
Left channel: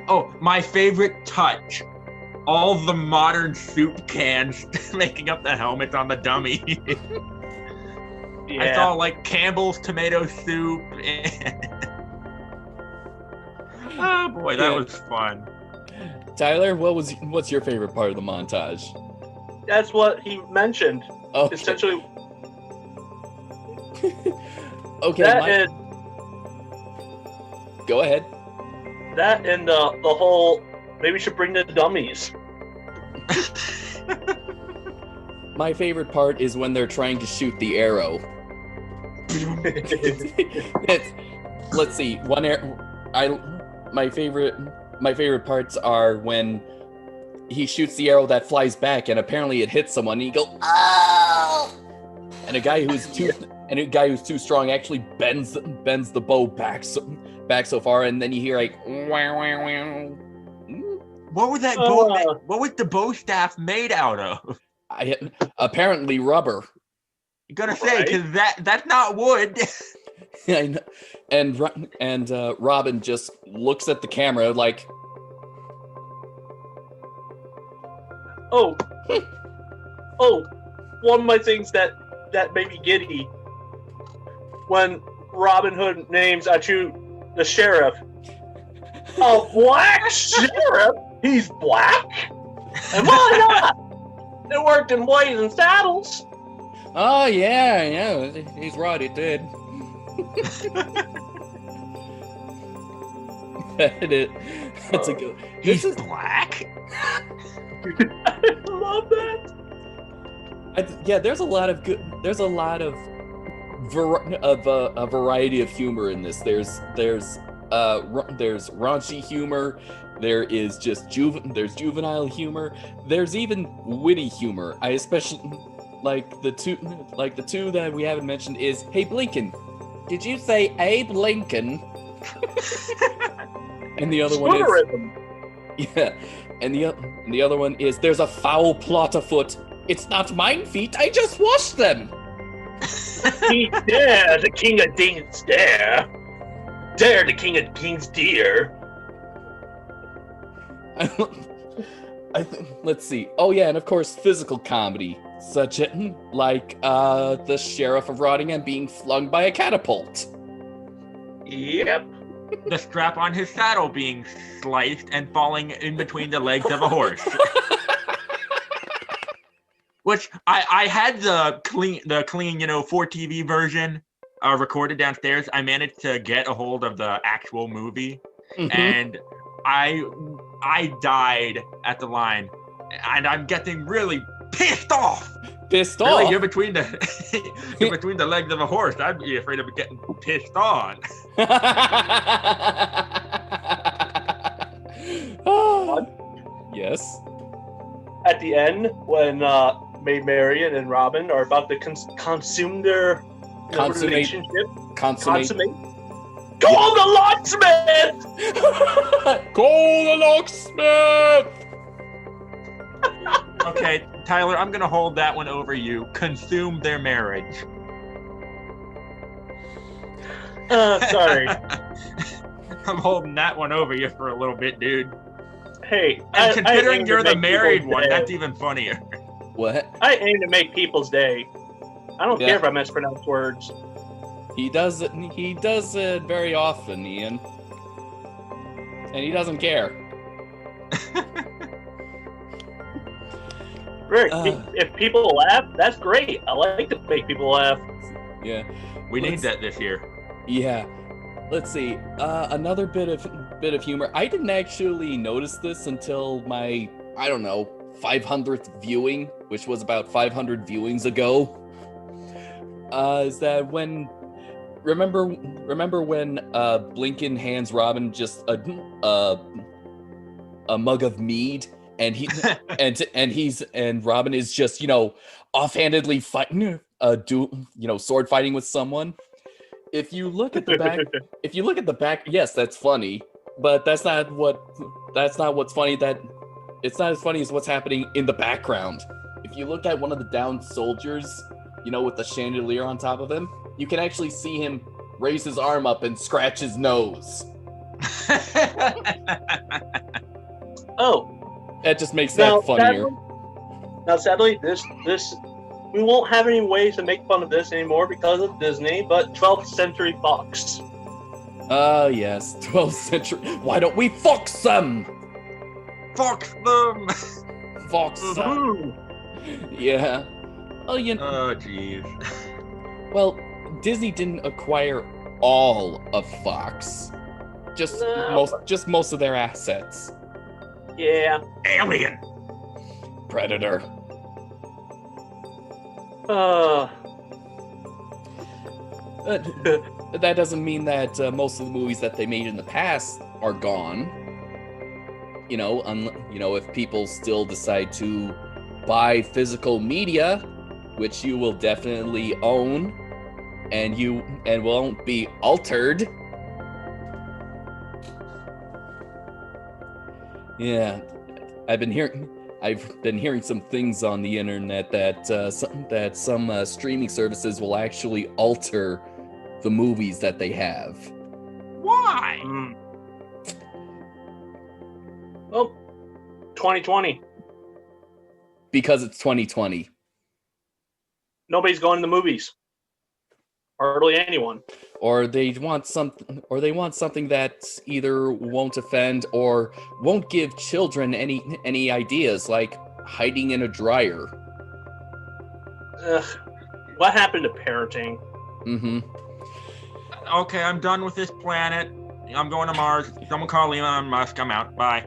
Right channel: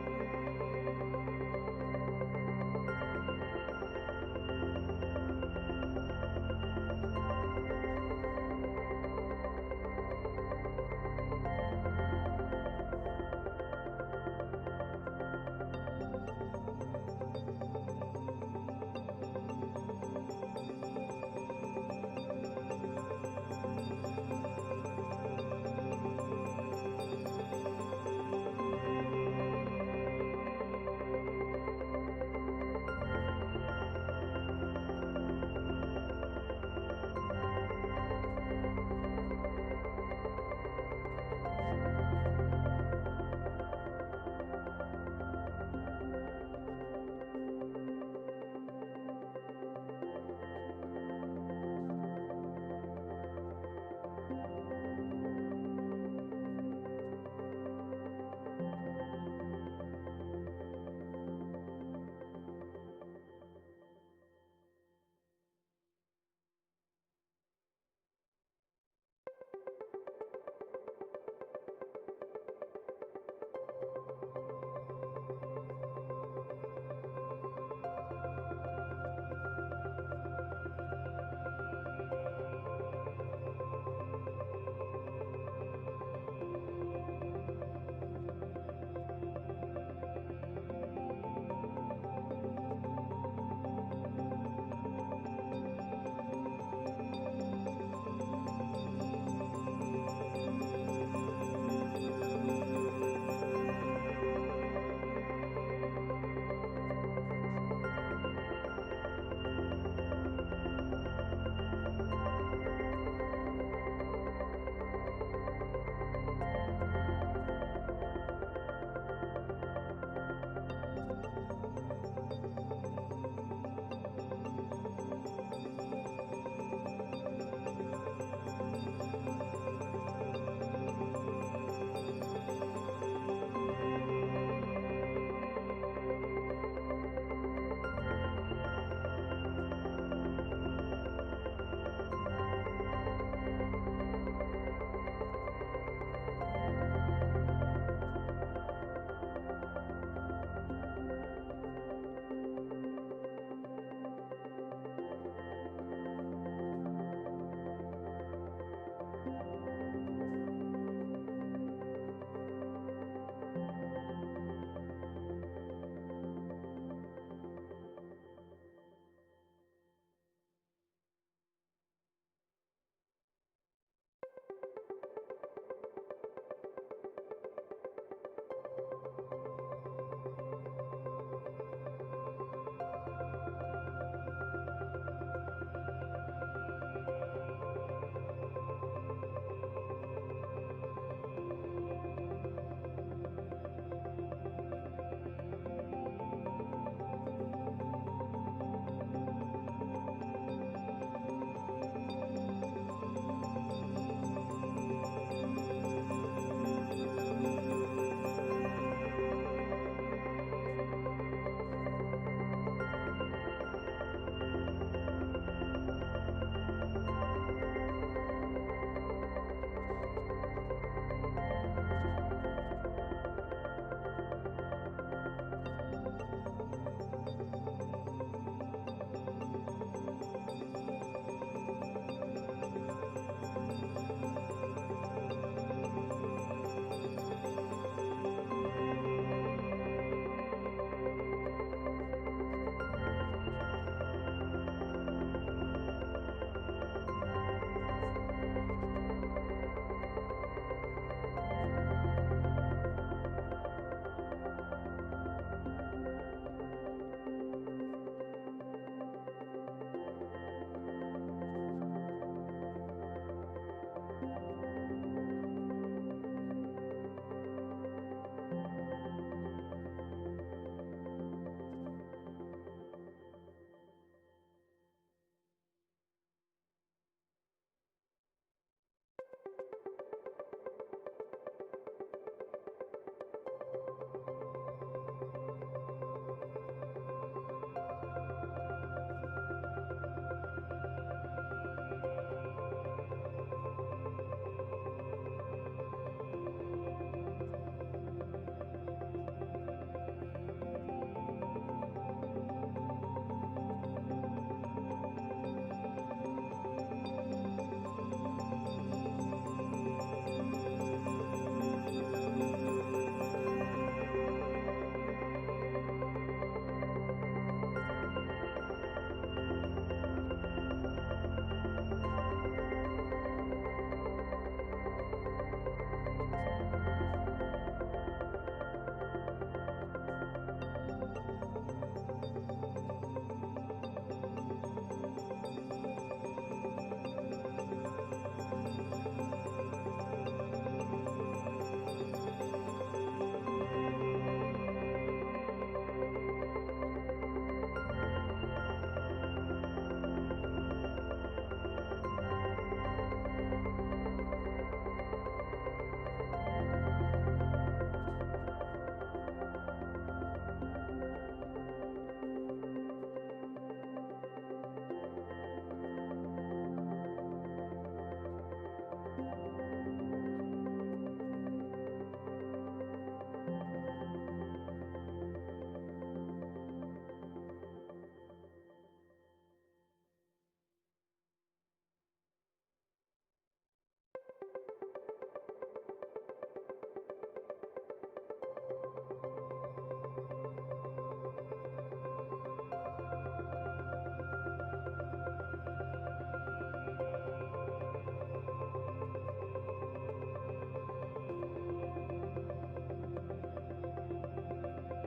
Oh, my favorite touch. All the modern soup cans making up the helmets on the dummy. Yeah. I saw like Campbell's tomato soup. Oh boy, that was fun. Tyler, what's your favorite part of the montage? That's what he mentioned. Okay. Essentially, Okay. Go ahead. that and the whole. Maybe we should bring the dummies. My favorite part is when they're trying to shoot the arrow. Let's see. My favorite parts are when he shoots the arrow that flies back, and apparently it hits someone. And you go, oh! And a guy who's too strong actually bends the bow back so far, and then you hear like, wow, wow, wow. What was that bow? What was the bow staff made out of? Apparently rubber. You gotta say, because that's not wood. I know. And Robin just looks at the camera like, oh, one of my things that made me giddy when Robin Hood names Achu the sheriff. A black sheriff? He's black? And why not? It worked in Blazing Saddles. oh yeah, he's right, he did. That's a good. He's black. I love that. Yeah, there's a lot of a variety of humor in this. There's raunchy humor. There is just there's juvenile humor. There's even witty humor. I especially like the two that we haven't mentioned is, hey Blinken, did you say Abe Lincoln? And the other one is, yeah, and the other one is, there's a foul plot afoot. It's not mine feet, I just washed them. He dare the king of kings dare the king of kings dear. Let's see. Oh yeah, and of course physical comedy, such as like the sheriff of Rottingham being flung by a catapult. Yep. The strap on his saddle being sliced and falling in between the legs of a horse. Which I had the clean 4TV version recorded downstairs. I managed to get a hold of the actual movie, and I died at the line, and I'm getting really pissed off. Really, you're between the legs of a horse. I'd be afraid of getting pissed on. Yes. At the end, when Maid Marian and Robin are about to consume their relationship. Consummate. Call the locksmith! Call the locksmith! Okay, Tyler, I'm gonna hold that one over you. Consume their marriage. Sorry. I'm holding that one over you for a little bit, dude. Hey, and considering you're the married one, that's even funnier. What? I aim to make people's day. I don't care if I mispronounce words. He does it very often, Ian. And he doesn't care. Great. If people laugh, that's great. I like to make people laugh. Yeah. We need that this year. Yeah. Let's see. Another bit of humor. I didn't actually notice this until my, 500th viewing, which was about 500 viewings ago. Is that when remember when Blinken hands Robin just a mug of mead, and he and Robin is just, offhandedly fighting, sword fighting with someone. If you look at the back, yes, that's funny, but that's not what's funny. That it's not as funny as what's happening in the background. If you look at one of the downed soldiers, with the chandelier on top of him, you can actually see him raise his arm up and scratch his nose. Oh, that just makes that funnier. Sadly, this we won't have any ways to make fun of this anymore because of Disney, but 12th Century Fox. Yes, 12th Century. Why don't we fox them? Fox them! Fox them. Yeah. Oh, Oh, jeez. Well, Disney didn't acquire all of Fox. Just most of their assets. Yeah. Alien. Predator. But that doesn't mean that most of the movies that they made in the past are gone. If people still decide to buy physical media, which you will definitely own, and won't be altered. Yeah, I've been hearing some things on the internet that some streaming services will actually alter the movies that they have. Why? Oh, 2020. Because it's 2020. Nobody's going to the movies. Hardly anyone. Or they want something that either won't offend or won't give children any ideas, like hiding in a dryer. Ugh. What happened to parenting? Mm-hmm. Okay, I'm done with this planet. I'm going to Mars. Someone call Elon Musk. I'm out. Bye.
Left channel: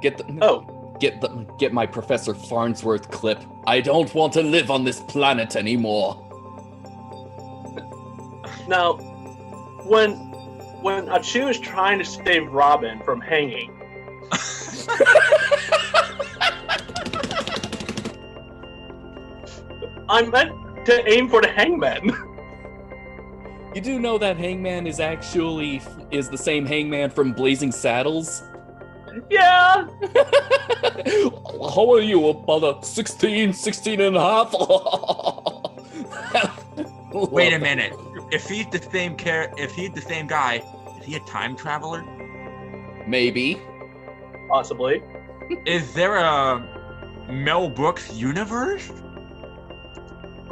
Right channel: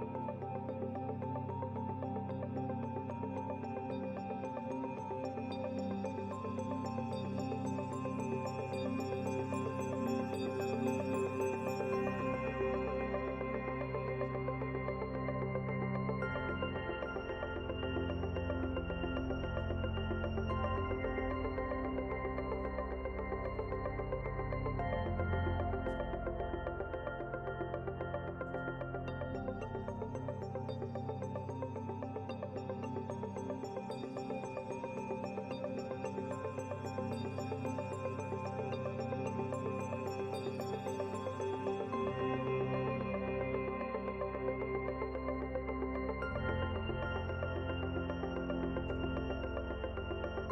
Get my Professor Farnsworth clip. I don't want to live on this planet anymore. Now, when Achu is trying to save Robin from hanging, I meant to aim for the hangman. You do know that Hangman is the same Hangman from Blazing Saddles? Yeah. How are you, about a 16 and a half? Wait a minute. If he's the same guy, is he a time traveler? Maybe. Possibly. Is there a Mel Brooks universe?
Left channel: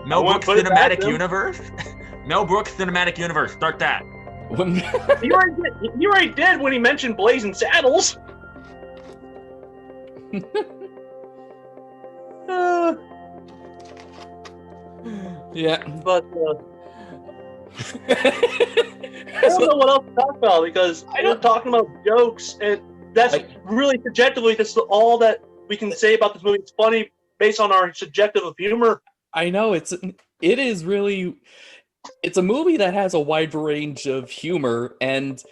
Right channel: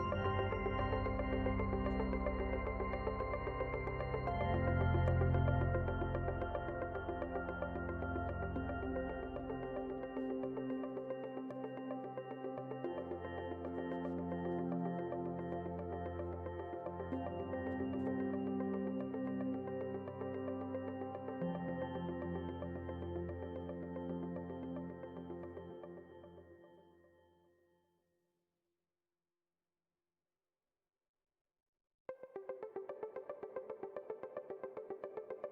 Mel Brooks cinematic universe? Mel Brooks cinematic universe. Start that. He already did when he mentioned Blazing Saddles. Yeah. But I don't know what else to talk about because we're talking about jokes, and that's really subjectively. That's all that we can say about this movie. It's funny based on our subjective of humor. I know it's a movie that has a wide range of humor, and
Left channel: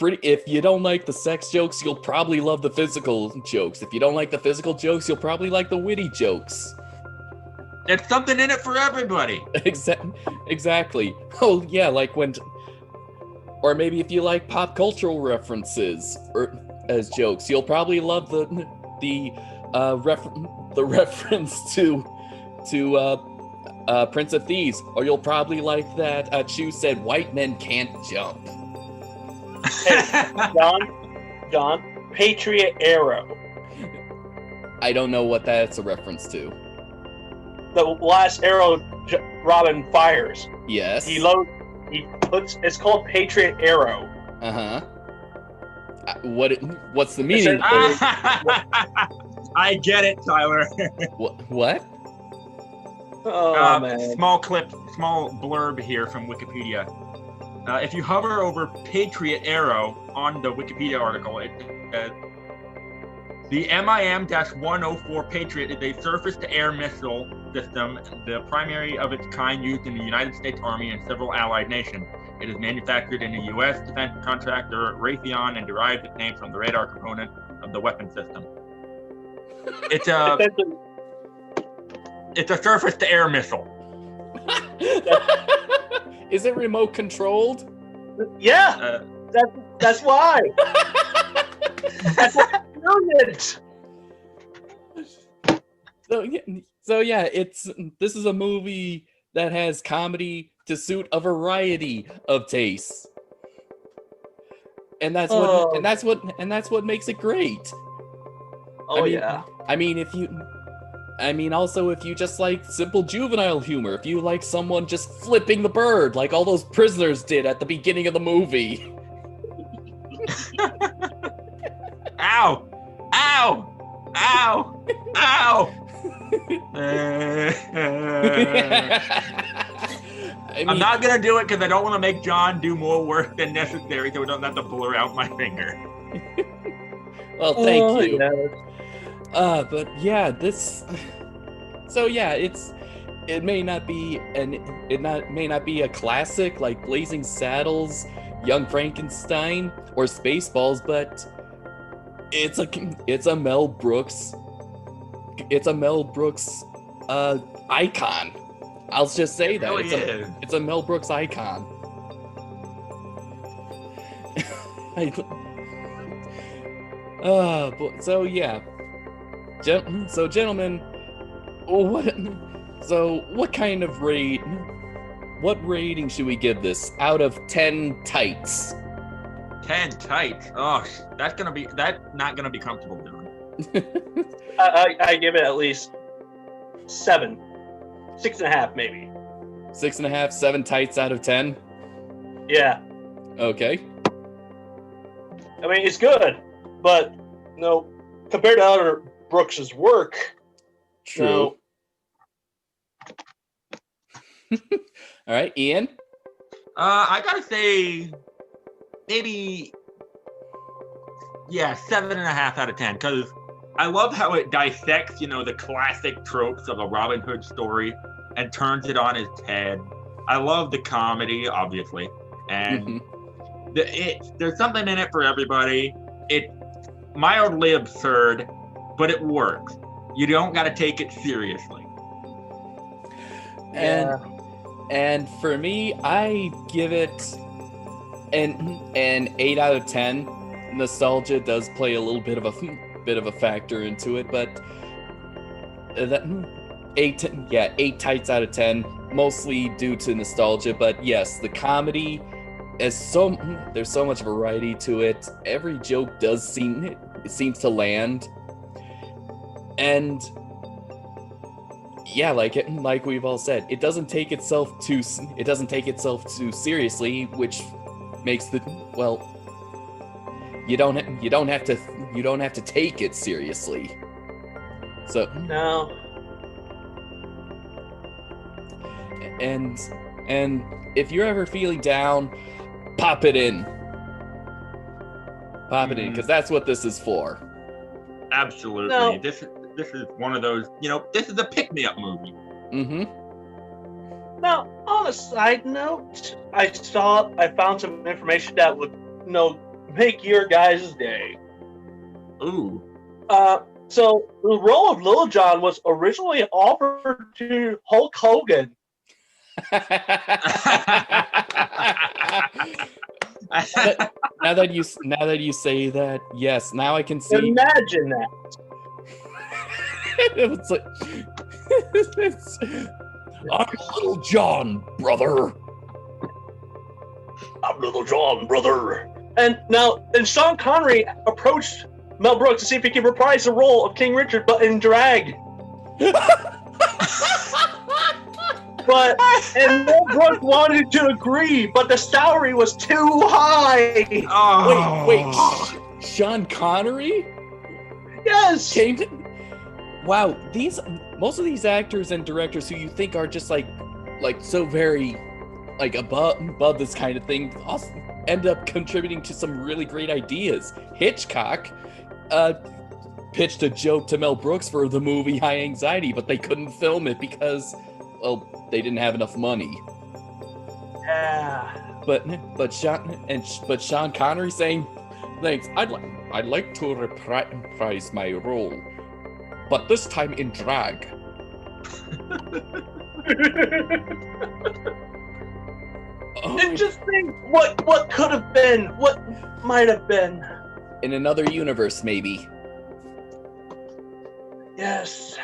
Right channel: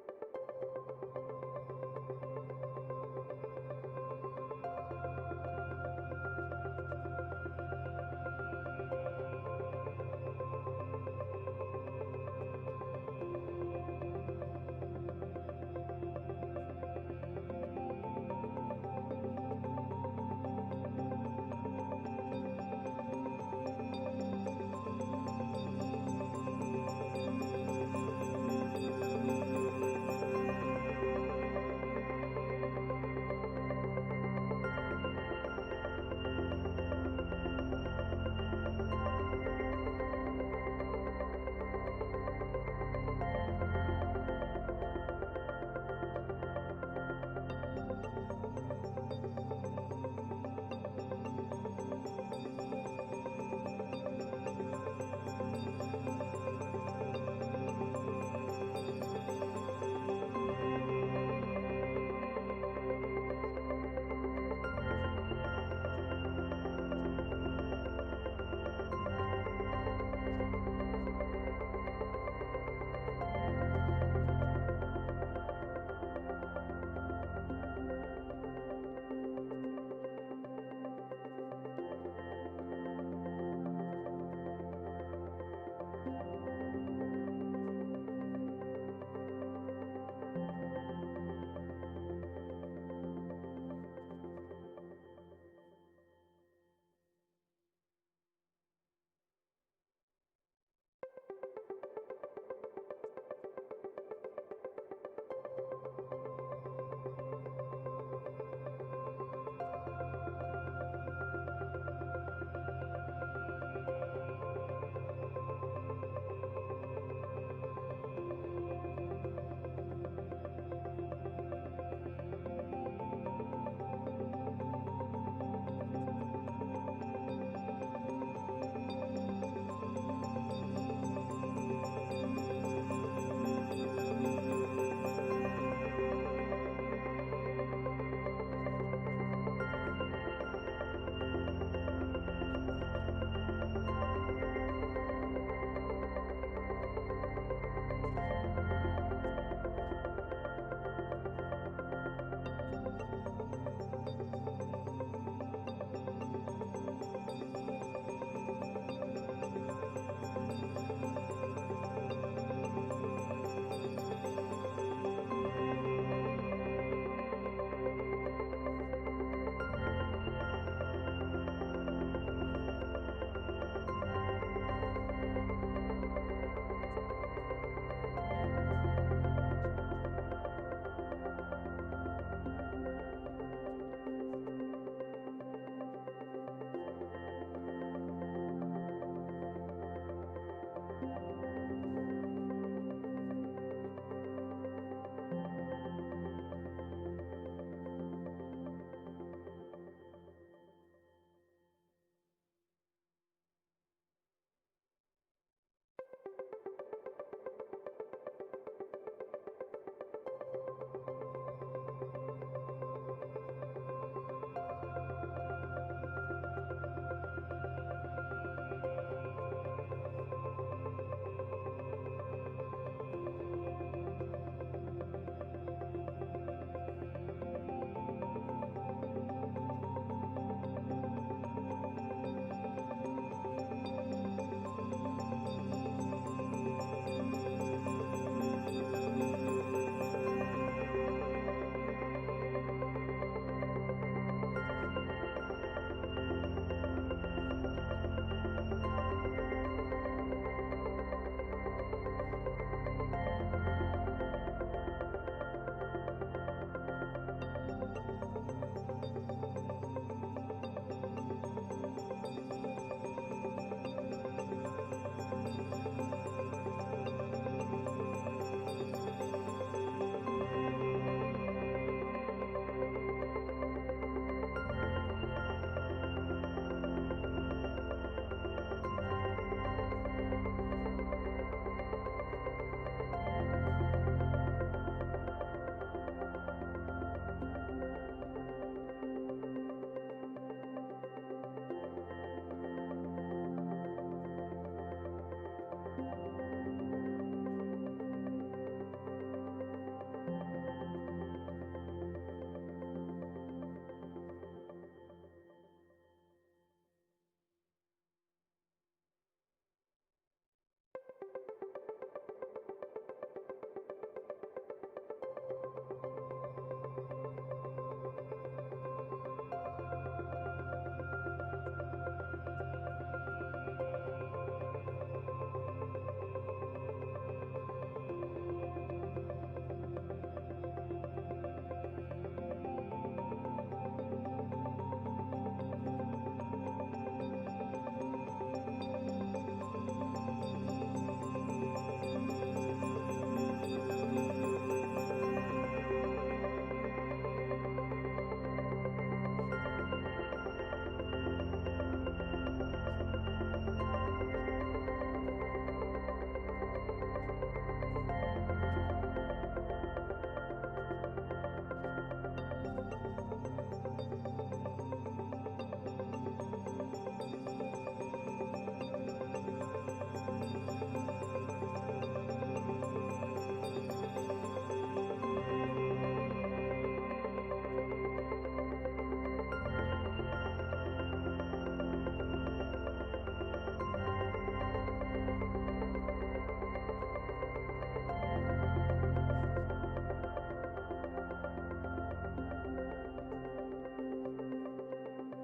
if you don't like the sex jokes, you'll probably love the physical jokes. If you don't like the physical jokes, you'll probably like the witty jokes. There's something in it for everybody. Exactly. Oh yeah, or maybe if you like pop cultural references or as jokes, you'll probably love the reference to Prince of Thieves, or you'll probably like that Chu said white men can't jump. Hey, John, Patriot Arrow. I don't know what that's a reference to. The last arrow Robin fires. Yes. It's called Patriot Arrow. Uh-huh. What's the meaning? I get it, Tyler. What? Oh, man. Small blurb here from Wikipedia. If you hover over Patriot Arrow on the Wikipedia article, it says, the MIM-104 Patriot is a surface-to-air missile system, the primary of its kind used in the United States Army and several allied nations. It is manufactured in the U.S. defense contractor Raytheon and derives its name from the radar component of the weapon system. It's a surface to air missile. Is it remote controlled? Yeah, that's why. That's why it's brilliant. So yeah, this is a movie that has comedy to suit a variety of tastes. And that's what makes it great. Oh, yeah. I mean, if you just like simple juvenile humor, if you like someone just flipping the bird like all those prisoners did at the beginning of the movie. Ow! Ow! Ow! Ow! I'm not gonna do it because I don't want to make John do more work than necessary, so we don't have to blur out my finger. Well, thank you. Yeah. But yeah, it may not be a classic like Blazing Saddles, Young Frankenstein, or Spaceballs, but it's a Mel Brooks icon. I'll just say that it's a Mel Brooks icon. So yeah. So gentlemen, what rating should we give this out of 10 tights? 10 tights. Oh, that's not gonna be comfortable, John. I give it at least 7. 6.5 maybe. 6.5, 7 tights out of 10? Yeah. Okay. I mean, it's good, but compared to other Brooks's work. True. All right, Ian? I gotta say, maybe, 7.5 out of 10, because I love how it dissects, the classic tropes of a Robin Hood story and turns it on its head. I love the comedy, obviously, and there's something in it for everybody. It's mildly absurd, but it works. You don't got to take it seriously. And for me, I give it an 8 out of 10. Nostalgia does play a little bit of a factor into it, but that 8 tights out of 10, mostly due to nostalgia. But yes, the comedy there's so much variety to it. Every joke seems to land, and yeah, like we've all said, it doesn't take itself too seriously, which makes you don't have to take it seriously. So no. And if you're ever feeling down, pop it in, because that's what this is for. Absolutely. No. This is one of those, this is a pick-me-up movie. Now, on a side note, I found some information that would, make your guys' day. Ooh. So the role of Lil Jon was originally offered to Hulk Hogan. Now that you say that, yes, now I can see. Imagine that. It's like, I'm Little John, brother. I'm Little John, brother. And Sean Connery approached Mel Brooks to see if he could reprise the role of King Richard, but in drag. And Mel Brooks wanted to agree, but the salary was too high. Oh. Wait, Sean Connery? Yes. Wow, most of these actors and directors who you think are just like so very above this kind of thing also end up contributing to some really great ideas. Hitchcock pitched a joke to Mel Brooks for the movie High Anxiety, but they couldn't film it because, they didn't have enough money. Yeah. But Sean Connery saying, "Thanks, I'd like to reprise my role." but this time in drag. And just think what could have been, what might have been. In another universe, maybe. Yes.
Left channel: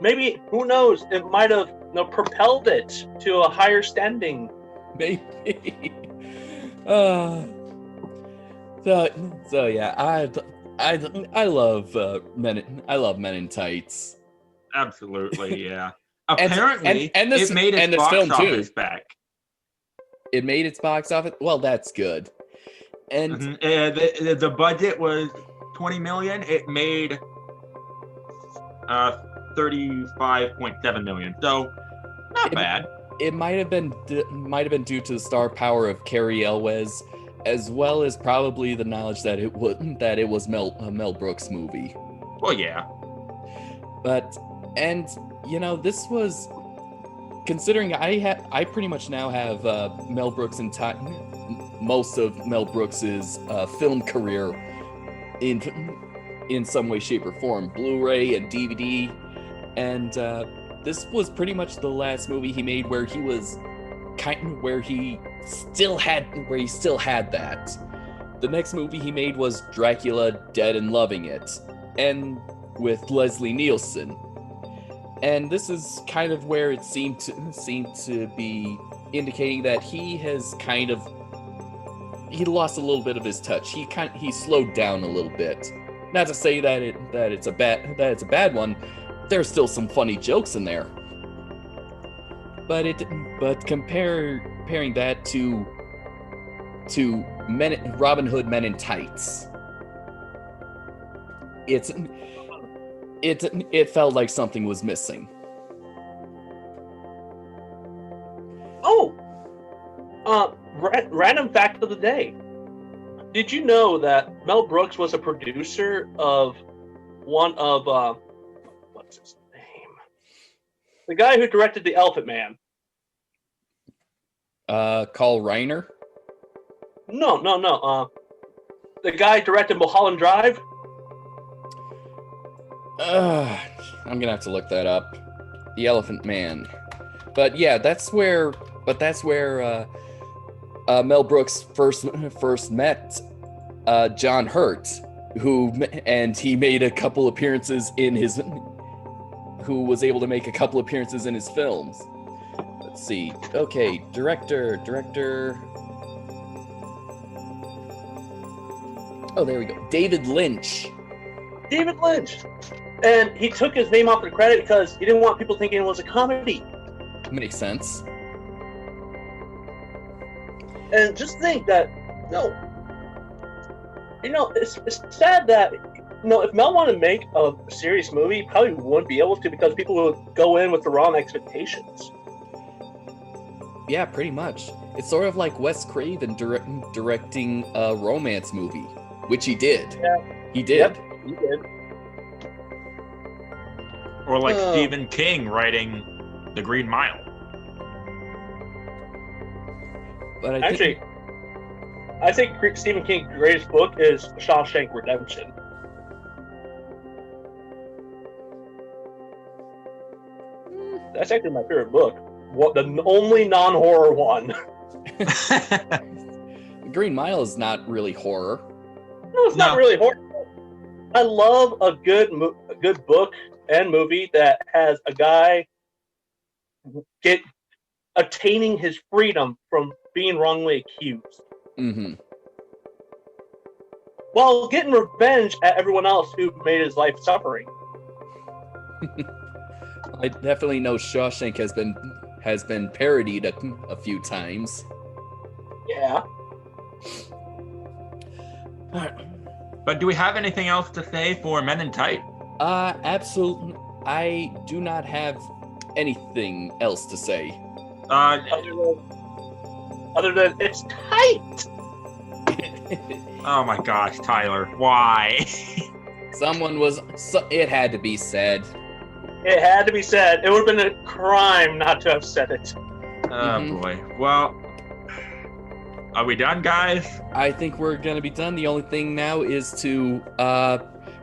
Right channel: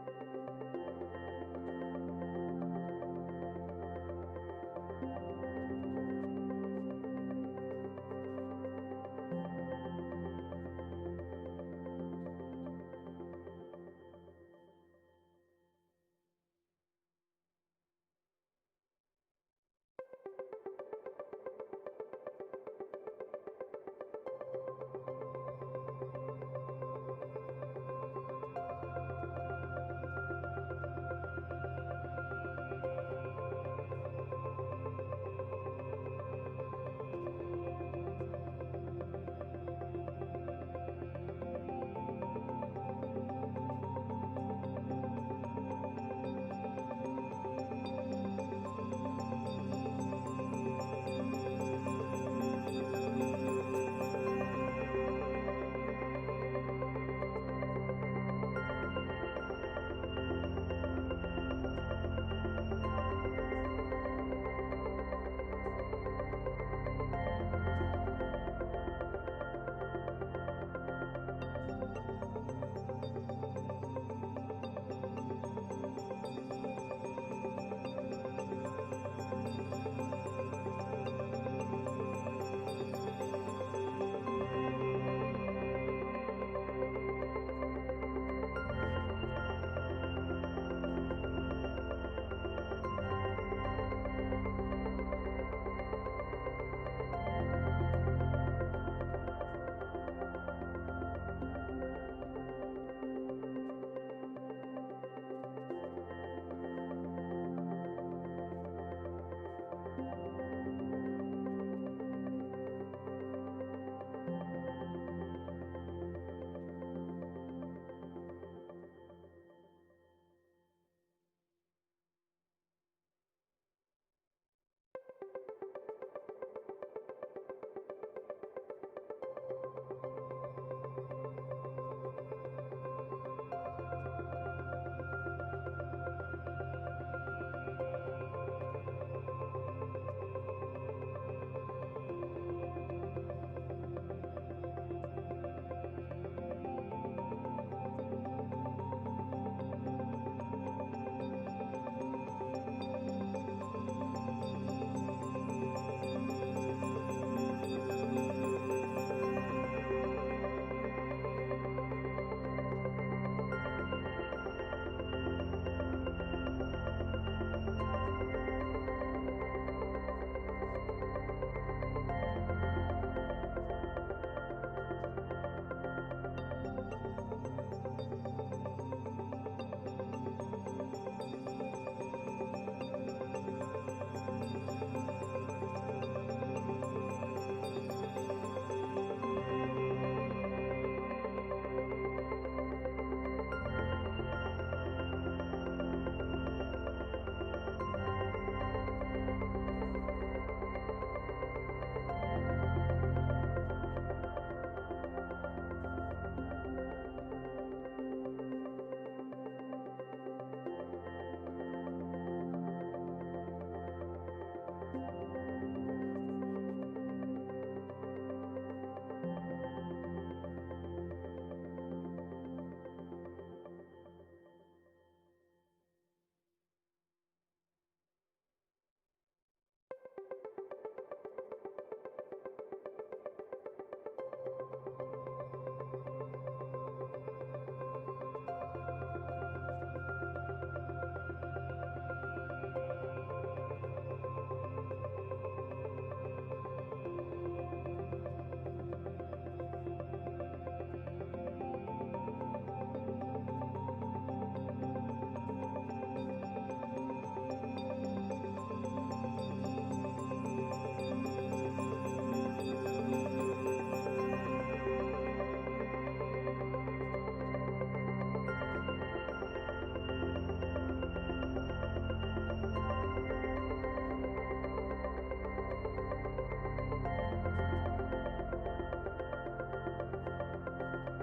Maybe, who knows, it might have propelled it to a higher standing. Maybe. So yeah, I love Men in Tights. Absolutely, yeah. And Apparently, this, it made its and this box film office too. back. It made its box office. Well, that's good. And The budget was $20 million. It made 35.7 million. So not bad. It might have been due to the star power of Cary Elwes, as well as probably the knowledge that it was Mel Brooks movie. Well, yeah. This was, considering I pretty much now have Mel Brooks most of Mel Brooks's film career in some way, shape, or form, Blu-ray and DVD, and this was pretty much the last movie he made where he was where he still had that. The next movie he made was Dracula, Dead and Loving It, and with Leslie Nielsen. And this is kind of where it seemed to be indicating that he lost a little bit of his touch. He slowed down a little bit. Not to say that it's a bad one. There's still some funny jokes in there. But comparing that to Robin Hood Men in Tights, it felt like something was missing. Oh, random fact of the day. Did you know that Mel Brooks was a producer of one of what's his name? The guy who directed The Elephant Man. Carl Reiner? No. The guy directed Mulholland Drive. I'm gonna have to look that up. The Elephant Man. But yeah, that's where Mel Brooks first met John Hurt, he made a couple appearances who was able to make a couple appearances in his films. Let's see. Okay, director. Oh, there we go. David Lynch. And he took his name off the credit because he didn't want people thinking it was a comedy. Makes sense. And just think that, it's sad that, if Mel wanted to make a serious movie, he probably wouldn't be able to because people would go in with the wrong expectations. Yeah, pretty much. It's sort of like Wes Craven directing a romance movie, which he did. Yeah. He did. Yep, he did. Or like Stephen King writing The Green Mile. But I think Stephen King's greatest book is Shawshank Redemption. That's actually my favorite book. The only non-horror one. Green Mile is not really horror. No, it's not really horror. I love a good book and movie that has a guy attaining his freedom from being wrongly accused. Mm-hmm. While getting revenge at everyone else who made his life suffering. I definitely know Shawshank has been parodied a few times. Yeah. But do we have anything else to say for Men in Tight? Absolutely. I do not have anything else to say. Other than it's tight. Oh my gosh, Tyler, why? It had to be said. It had to be said. It would have been a crime not to have said it. Oh boy. Well, are we done, guys? I think we're gonna be done. The only thing now is to